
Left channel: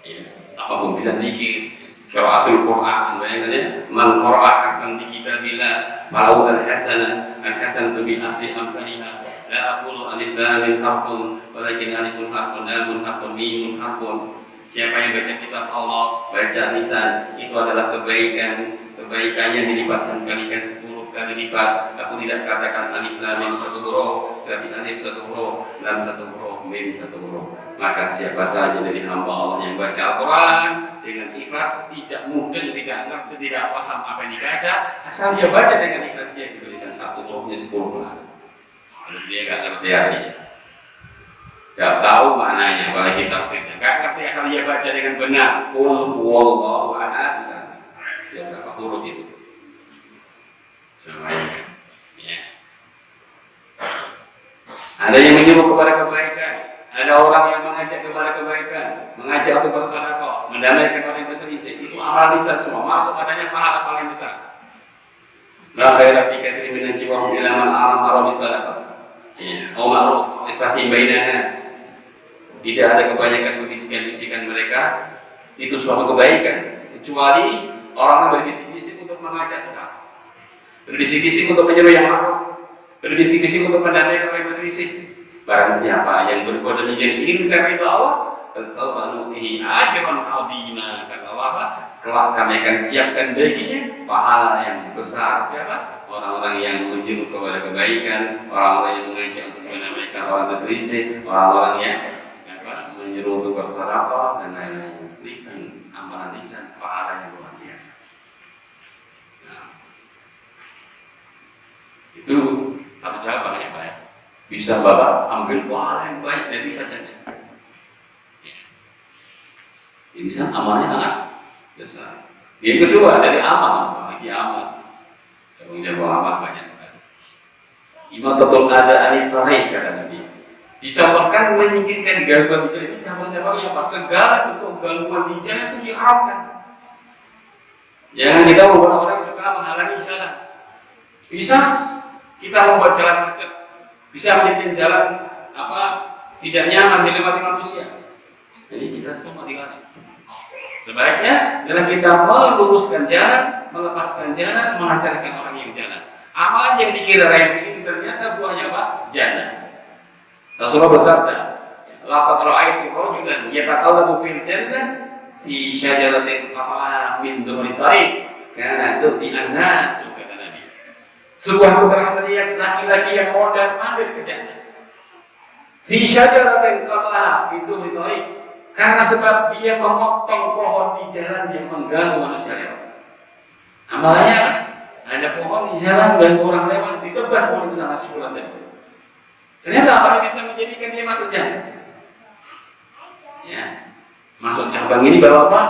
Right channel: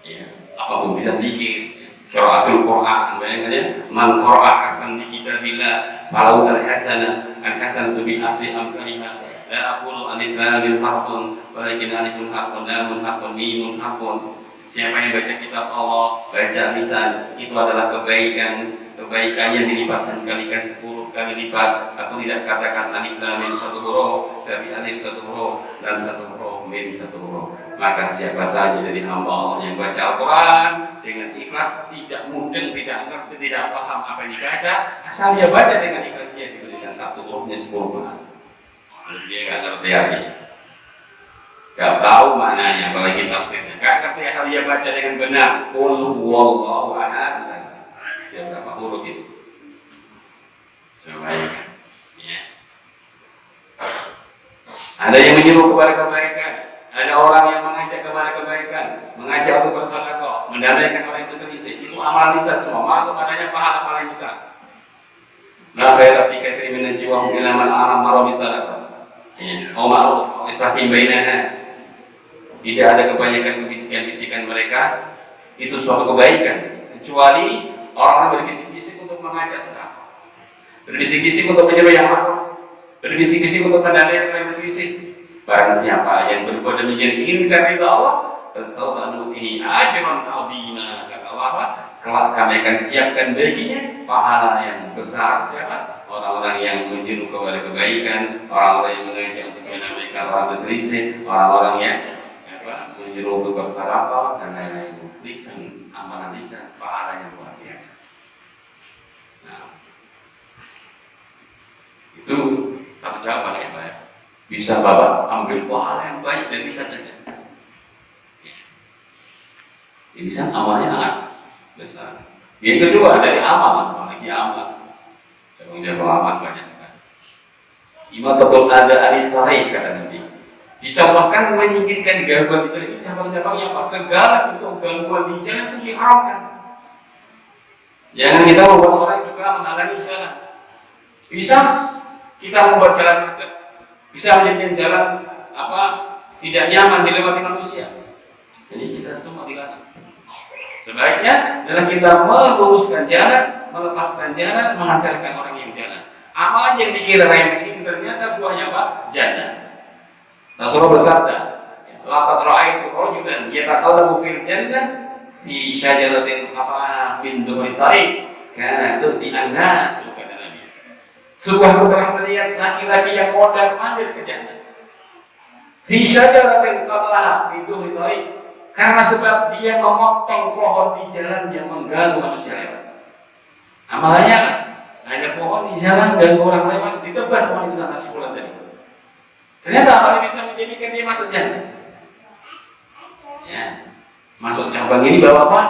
Ya, apapun bisa dikit. Qiraatul Quran, bayangkannya man qara'a harfan bi kitabillah falahu al-hasanatu bi asri amsalihha. La aqulu alif lam mim harfun walakin alifun harfun lamun harfun mimun harfun. Siapa yang baca kitab Allah, baca lisan, itu adalah kebaikannya dilipatkan kalikan 10 kali lipat. Aku tidak katakan alif lam mim 1 huruf, tapi alif 1 huruf dan 1 huruf mim 1 huruf. Maka siapa saja dari hamba Allah yang baca Al-Quran dengan ikhlas, tidak mudeng, tidak ngerti, tidak paham apa yang dibaca, asal dia baca dengan ikhlas, dia diberikan 1 hurufnya 10 kali. Kalau dia nggak ngerti artinya. Gak tahu maknanya, apalagi tafsirnya. Gak ngerti asal dia baca dengan benar. Qul huwallahu ahad, misalnya. Dia berapa huruf itu? Semuanya. Ya. Ada yang menyuruh kepada kebaikan, ada orang yang mengajak kepada kebaikan, mengajak untuk bersedekah, mendamaikan orang yang berselisih. Itu amal lisan semua, masuk adanya pahala paling besar. La khaira fi katsirin min najwahum illa man amara bi sadaqah. Ya, au ma'ruf, islahi bainan nas. Tidak ada kebanyakan kebisikan-bisikan mereka itu suatu kebaikan, kecuali orang berbisik-bisik untuk mengajak sedekah, berbisik-bisik untuk menyeru yang ma'ruf, berbisik-bisik untuk mendamaikan orang yang berselisih. Barang siapa yang berbuat demikian ingin mencari Allah, fasawfa nutihi ajran 'azima. Kata Allah, kelak kami akan siapkan baginya pahala yang besar. Siapa? Orang-orang yang menyeru kepada kebaikan, orang-orang yang mengajak untuk mendamaikan orang berselisih, orang-orang yang menyeru untuk bersedekah dan lain-lain. Lisan, amalan lisan, pahalanya luar biasa. Nah, itu satu cabang ya Pak ya. Bisa Bapak ambil pahala yang baik dari lisan saja. Ya. Lisan amalnya sangat besar. Yang kedua dari amal, apalagi amal. Tanggung jawab amal banyak sekali. Imatatul ada anitarik kata Nabi. Dicontohkan menyingkirkan gangguan di jalan. Ini cabang-cabangnya apa? Segala bentuk gangguan di jalan itu diharamkan. Jangan kita membuat orang suka menghalangi jalan. Bisa kita membuat jalan macet, bisa menjadikan jalan tidak nyaman dilewati manusia. Jadi kita semua dilarang. Sebaiknya adalah kita meluruskan jalan, melepaskan jalan, mengantarkan orang yang jalan. Amalan yang dikira remeh ini ternyata buahnya apa? Jannah. Rasulullah bersabda, laqad ra'aitu rajulan yataqallabu fil jannah fi syajaratin qata'aha min dhuhri tariq kana tu'ti an-nas, kata Nabi. Sebuah telah melihat laki-laki yang mondar-mandir ke jannah. Fi syajaratin qata'aha min dhuhri tariq, karena sebab dia memotong pohon di jalan yang mengganggu manusia. Amalannya ada pohon di jalan ganggu orang lewat, ditebas pohon itu sama si fulan tadi. Ternyata apa bisa menjadikan dia masuk jannah? Ya, masuk cabang ini bawa apa?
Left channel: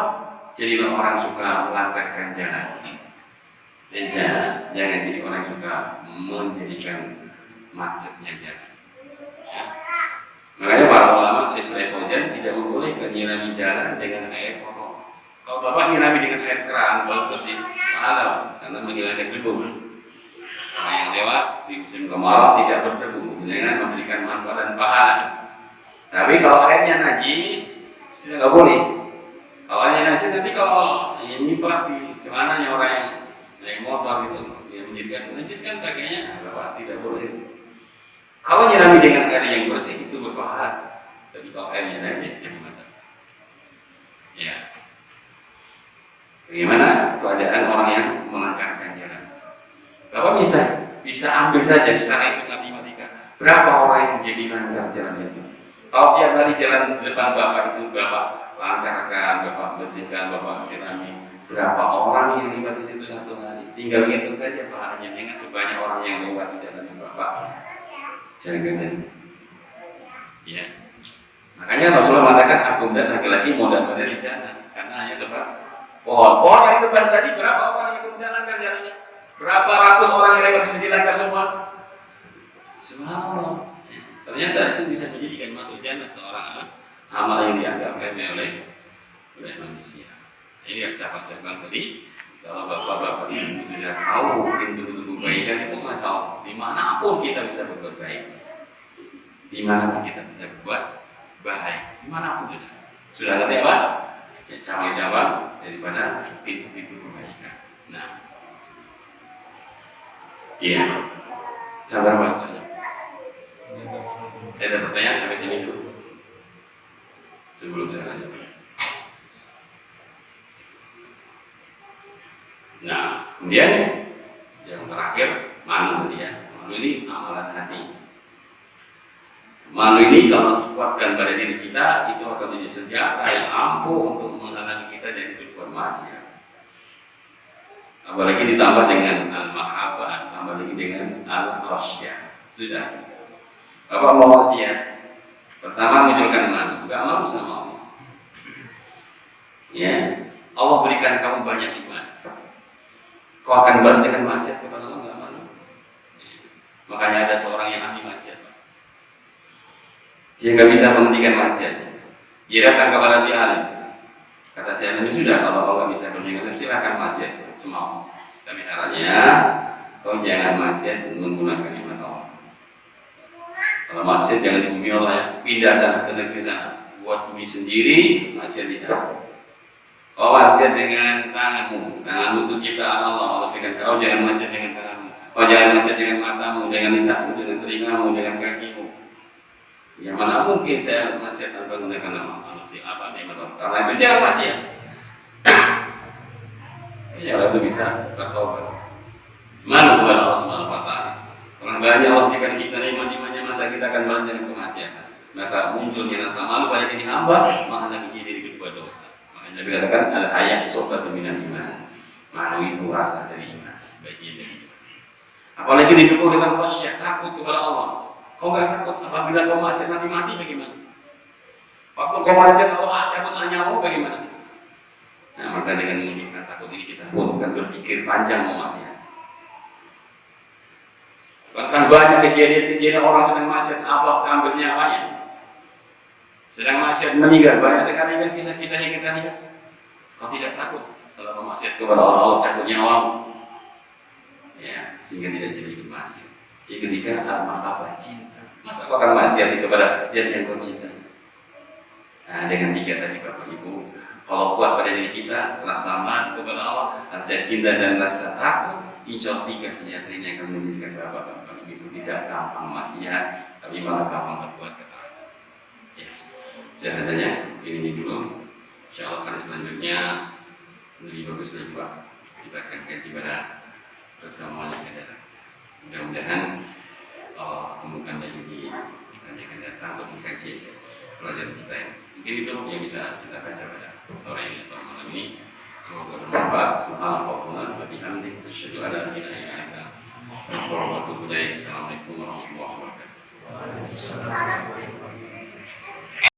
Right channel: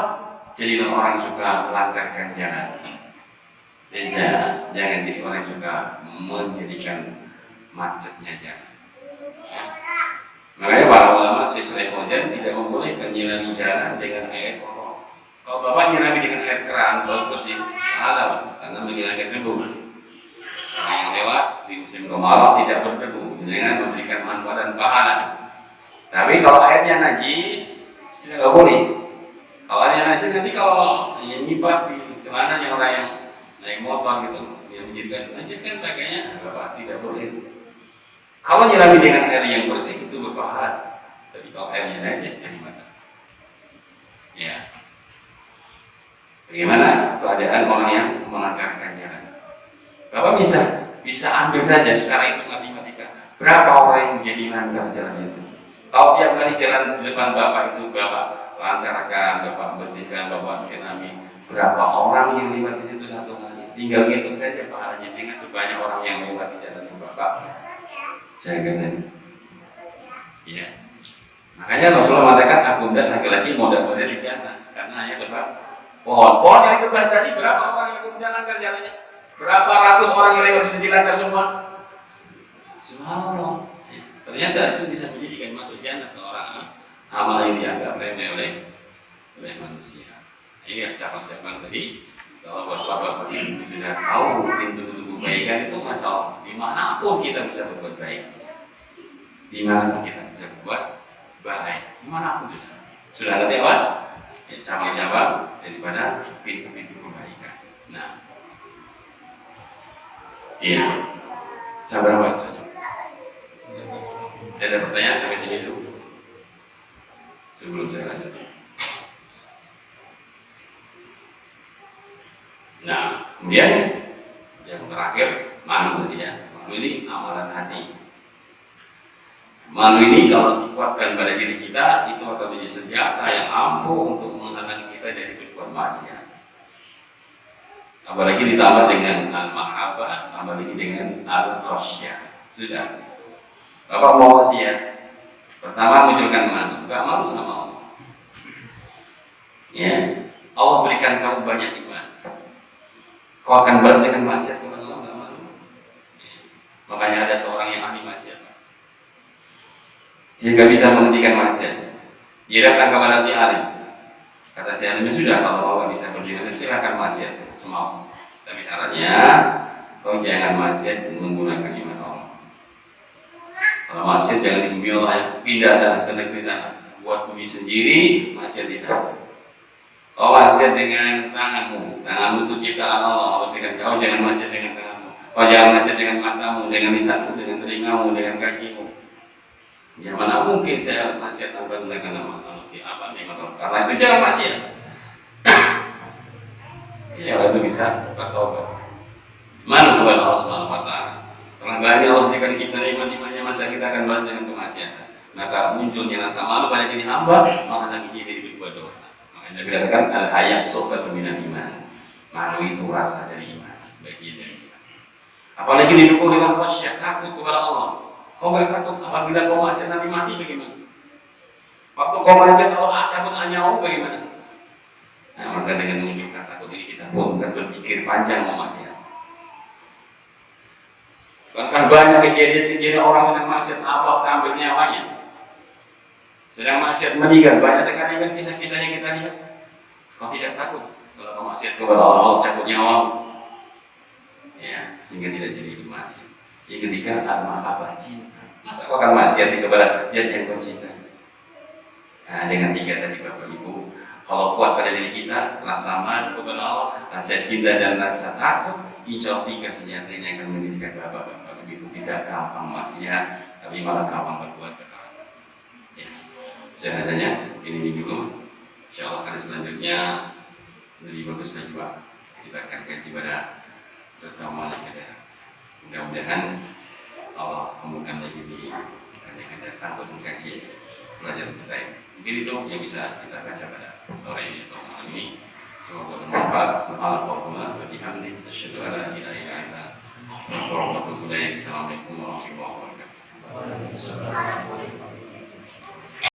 Jadilah orang suka melancarkan jalan. Dan jangan jadi orang suka menjadikan macetnya jalan. Ya. Makanya para ulama Syekh Fauzan tidak membolehkan nyirami jalan dengan air kotor. Kalau Bapak nyirami dengan air keran bau bersih, halal karena menghilangkan debu. Orang yang lewat di musim kemarau tidak berdebu, dengan memberikan manfaat dan pahala. Tapi kalau airnya najis, tidak boleh. Kalau airnya najis nanti kalau nyipat di celananya orang yang naik motor gitu, yang menjadikan najis kan pakainya, Bapak tidak boleh. Kalau nyirami dengan air yang bersih itu berpahala. Tapi kalau airnya najis jadi masalah. Ya. Bagaimana keadaan orang yang melancarkan jalan? Bapak bisa ambil saja secara hitung matematika. Berapa orang yang jadi lancar jalan itu? Kalau tiap kali jalan di depan Bapak itu Bapak lancarkan, Bapak bersihkan, Bapak sirami, berapa orang yang lewat di situ satu hari? Tinggal hitung saja pahalanya dengan sebanyak orang yang lewat di jalan Bapak. Jangan. Ya. Makanya Rasulullah mengatakan aku dan laki-laki mau dapat di jannah karena hanya sebab pohon yang bebas tadi. Berapa orang yang kemudian lancar jalannya? Berapa ratus orang yang lewat sisi lancar semua? Subhanallah. Ya. Ternyata itu bisa menjadikan masuk jannah seorang amal yang dianggap remeh oleh manusia. Ini cabang-cabang tadi. Kalau bapak-bapak ini sudah tahu pintu-pintu kebaikan itu, masya Allah, dimanapun kita bisa berbuat baik, dimanapun kita bisa berbuat baik, dimanapun sudah ngerti apa? Ya, cabang-cabang daripada pintu-pintu kebaikan. Nah, iya, sabar banget saja. Ada pertanyaan sampai sini dulu sebelum saya lanjut. Nah, kemudian yang terakhir malu ya. Malu ini amalan hati. Malu ini kalau dikuatkan pada diri kita itu akan menjadi senjata yang ampuh untuk menghalangi kita dari berbuat maksiat. Apalagi ditambah dengan al-mahabbah, tambah lagi dengan al-khasyah. Sudah. Bapak mau wasiat Pertama, munculkan malu. Gak malu sama Allah. Ya, Allah berikan kamu banyak nikmat. Kau akan balas dengan maksiat kepada Allah, gak malu. Ya. Makanya ada seorang yang ahli maksiat, Pak. Dia gak bisa menghentikan maksiat. Dia datang kepada si alim. Kata si alim, sudah kalau Allah bisa berjihad, silahkan maksiat semua. Tapi caranya, kau jangan maksiat menggunakan iman Allah. Kalau maksiat jangan di bumi Allah, pindah sana ke negeri sana, buat bumi sendiri, maksiat di sana. Kau maksiat dengan tanganmu itu ciptaan Allah. Allah berikan kau, jangan maksiat dengan tanganmu. Kau jangan maksiat dengan matamu, dengan lisanmu, dengan telingamu, dengan kakimu. Ya mana mungkin saya maksiat tanpa menggunakan nama manusia apa nih Allah? Karena itu jangan maksiat. Ya kalau itu bisa bertobat. Mana kepada Allah Subhanahu Wa Taala. Telah banyak Allah berikan kita nikmat-nikmatnya, masa kita akan balas dengan kemaksiatan. Maka munculnya rasa malu pada diri hamba, malah lagi diri berbuat dosa. Makanya dikatakan al-haya sobat minal iman. Malu itu rasa dari iman, bagian dari iman. Apalagi didukung dengan khasyah, takut kepada Allah. Kau gak takut apabila kau maksiat nanti mati bagaimana? Waktu kau maksiat Allah cabut nyawa bagaimana? Nah, maka dengan menunjukkan takut ini kita pun bukan berpikir panjang mau maksiat. Bahkan banyak kejadian-kejadian orang sedang maksiat Allah ambil nyawanya. Sedang maksiat meninggal, banyak sekali kan kisah-kisah yang kita lihat. Kau tidak takut kalau kau maksiat kepada Allah cabut nyawamu. Ya, sehingga tidak jadi maksiat. Jadi ketika apa cinta, masa kau akan maksiat kepada dia yang kau cinta? Nah, dengan tiga tadi Bapak Ibu, kalau kuat pada diri kita, rasa malu kepada Allah, rasa cinta dan rasa takut, insya Allah tiga senjata ini akan menjadikan Bapak Ibu tidak gampang maksiat, tapi malah gampang berbuat ketaatan. Ya, jahatannya ini dulu. Insya Allah kali selanjutnya lebih bagus lagi Pak. Kita akan kaji pada pertemuan yang akan datang. Mudah-mudahan Allah temukan lagi di yang akan datang untuk mengkaji pelajaran kita ini. Mungkin itu yang bisa kita baca pada sore ini atau malam ini. Semoga bermanfaat. Subhanallah wa bihamdihi asyhadu an la ilaha illa anta astaghfiruka wa atubu ilaik. Assalamualaikum warahmatullahi wabarakatuh.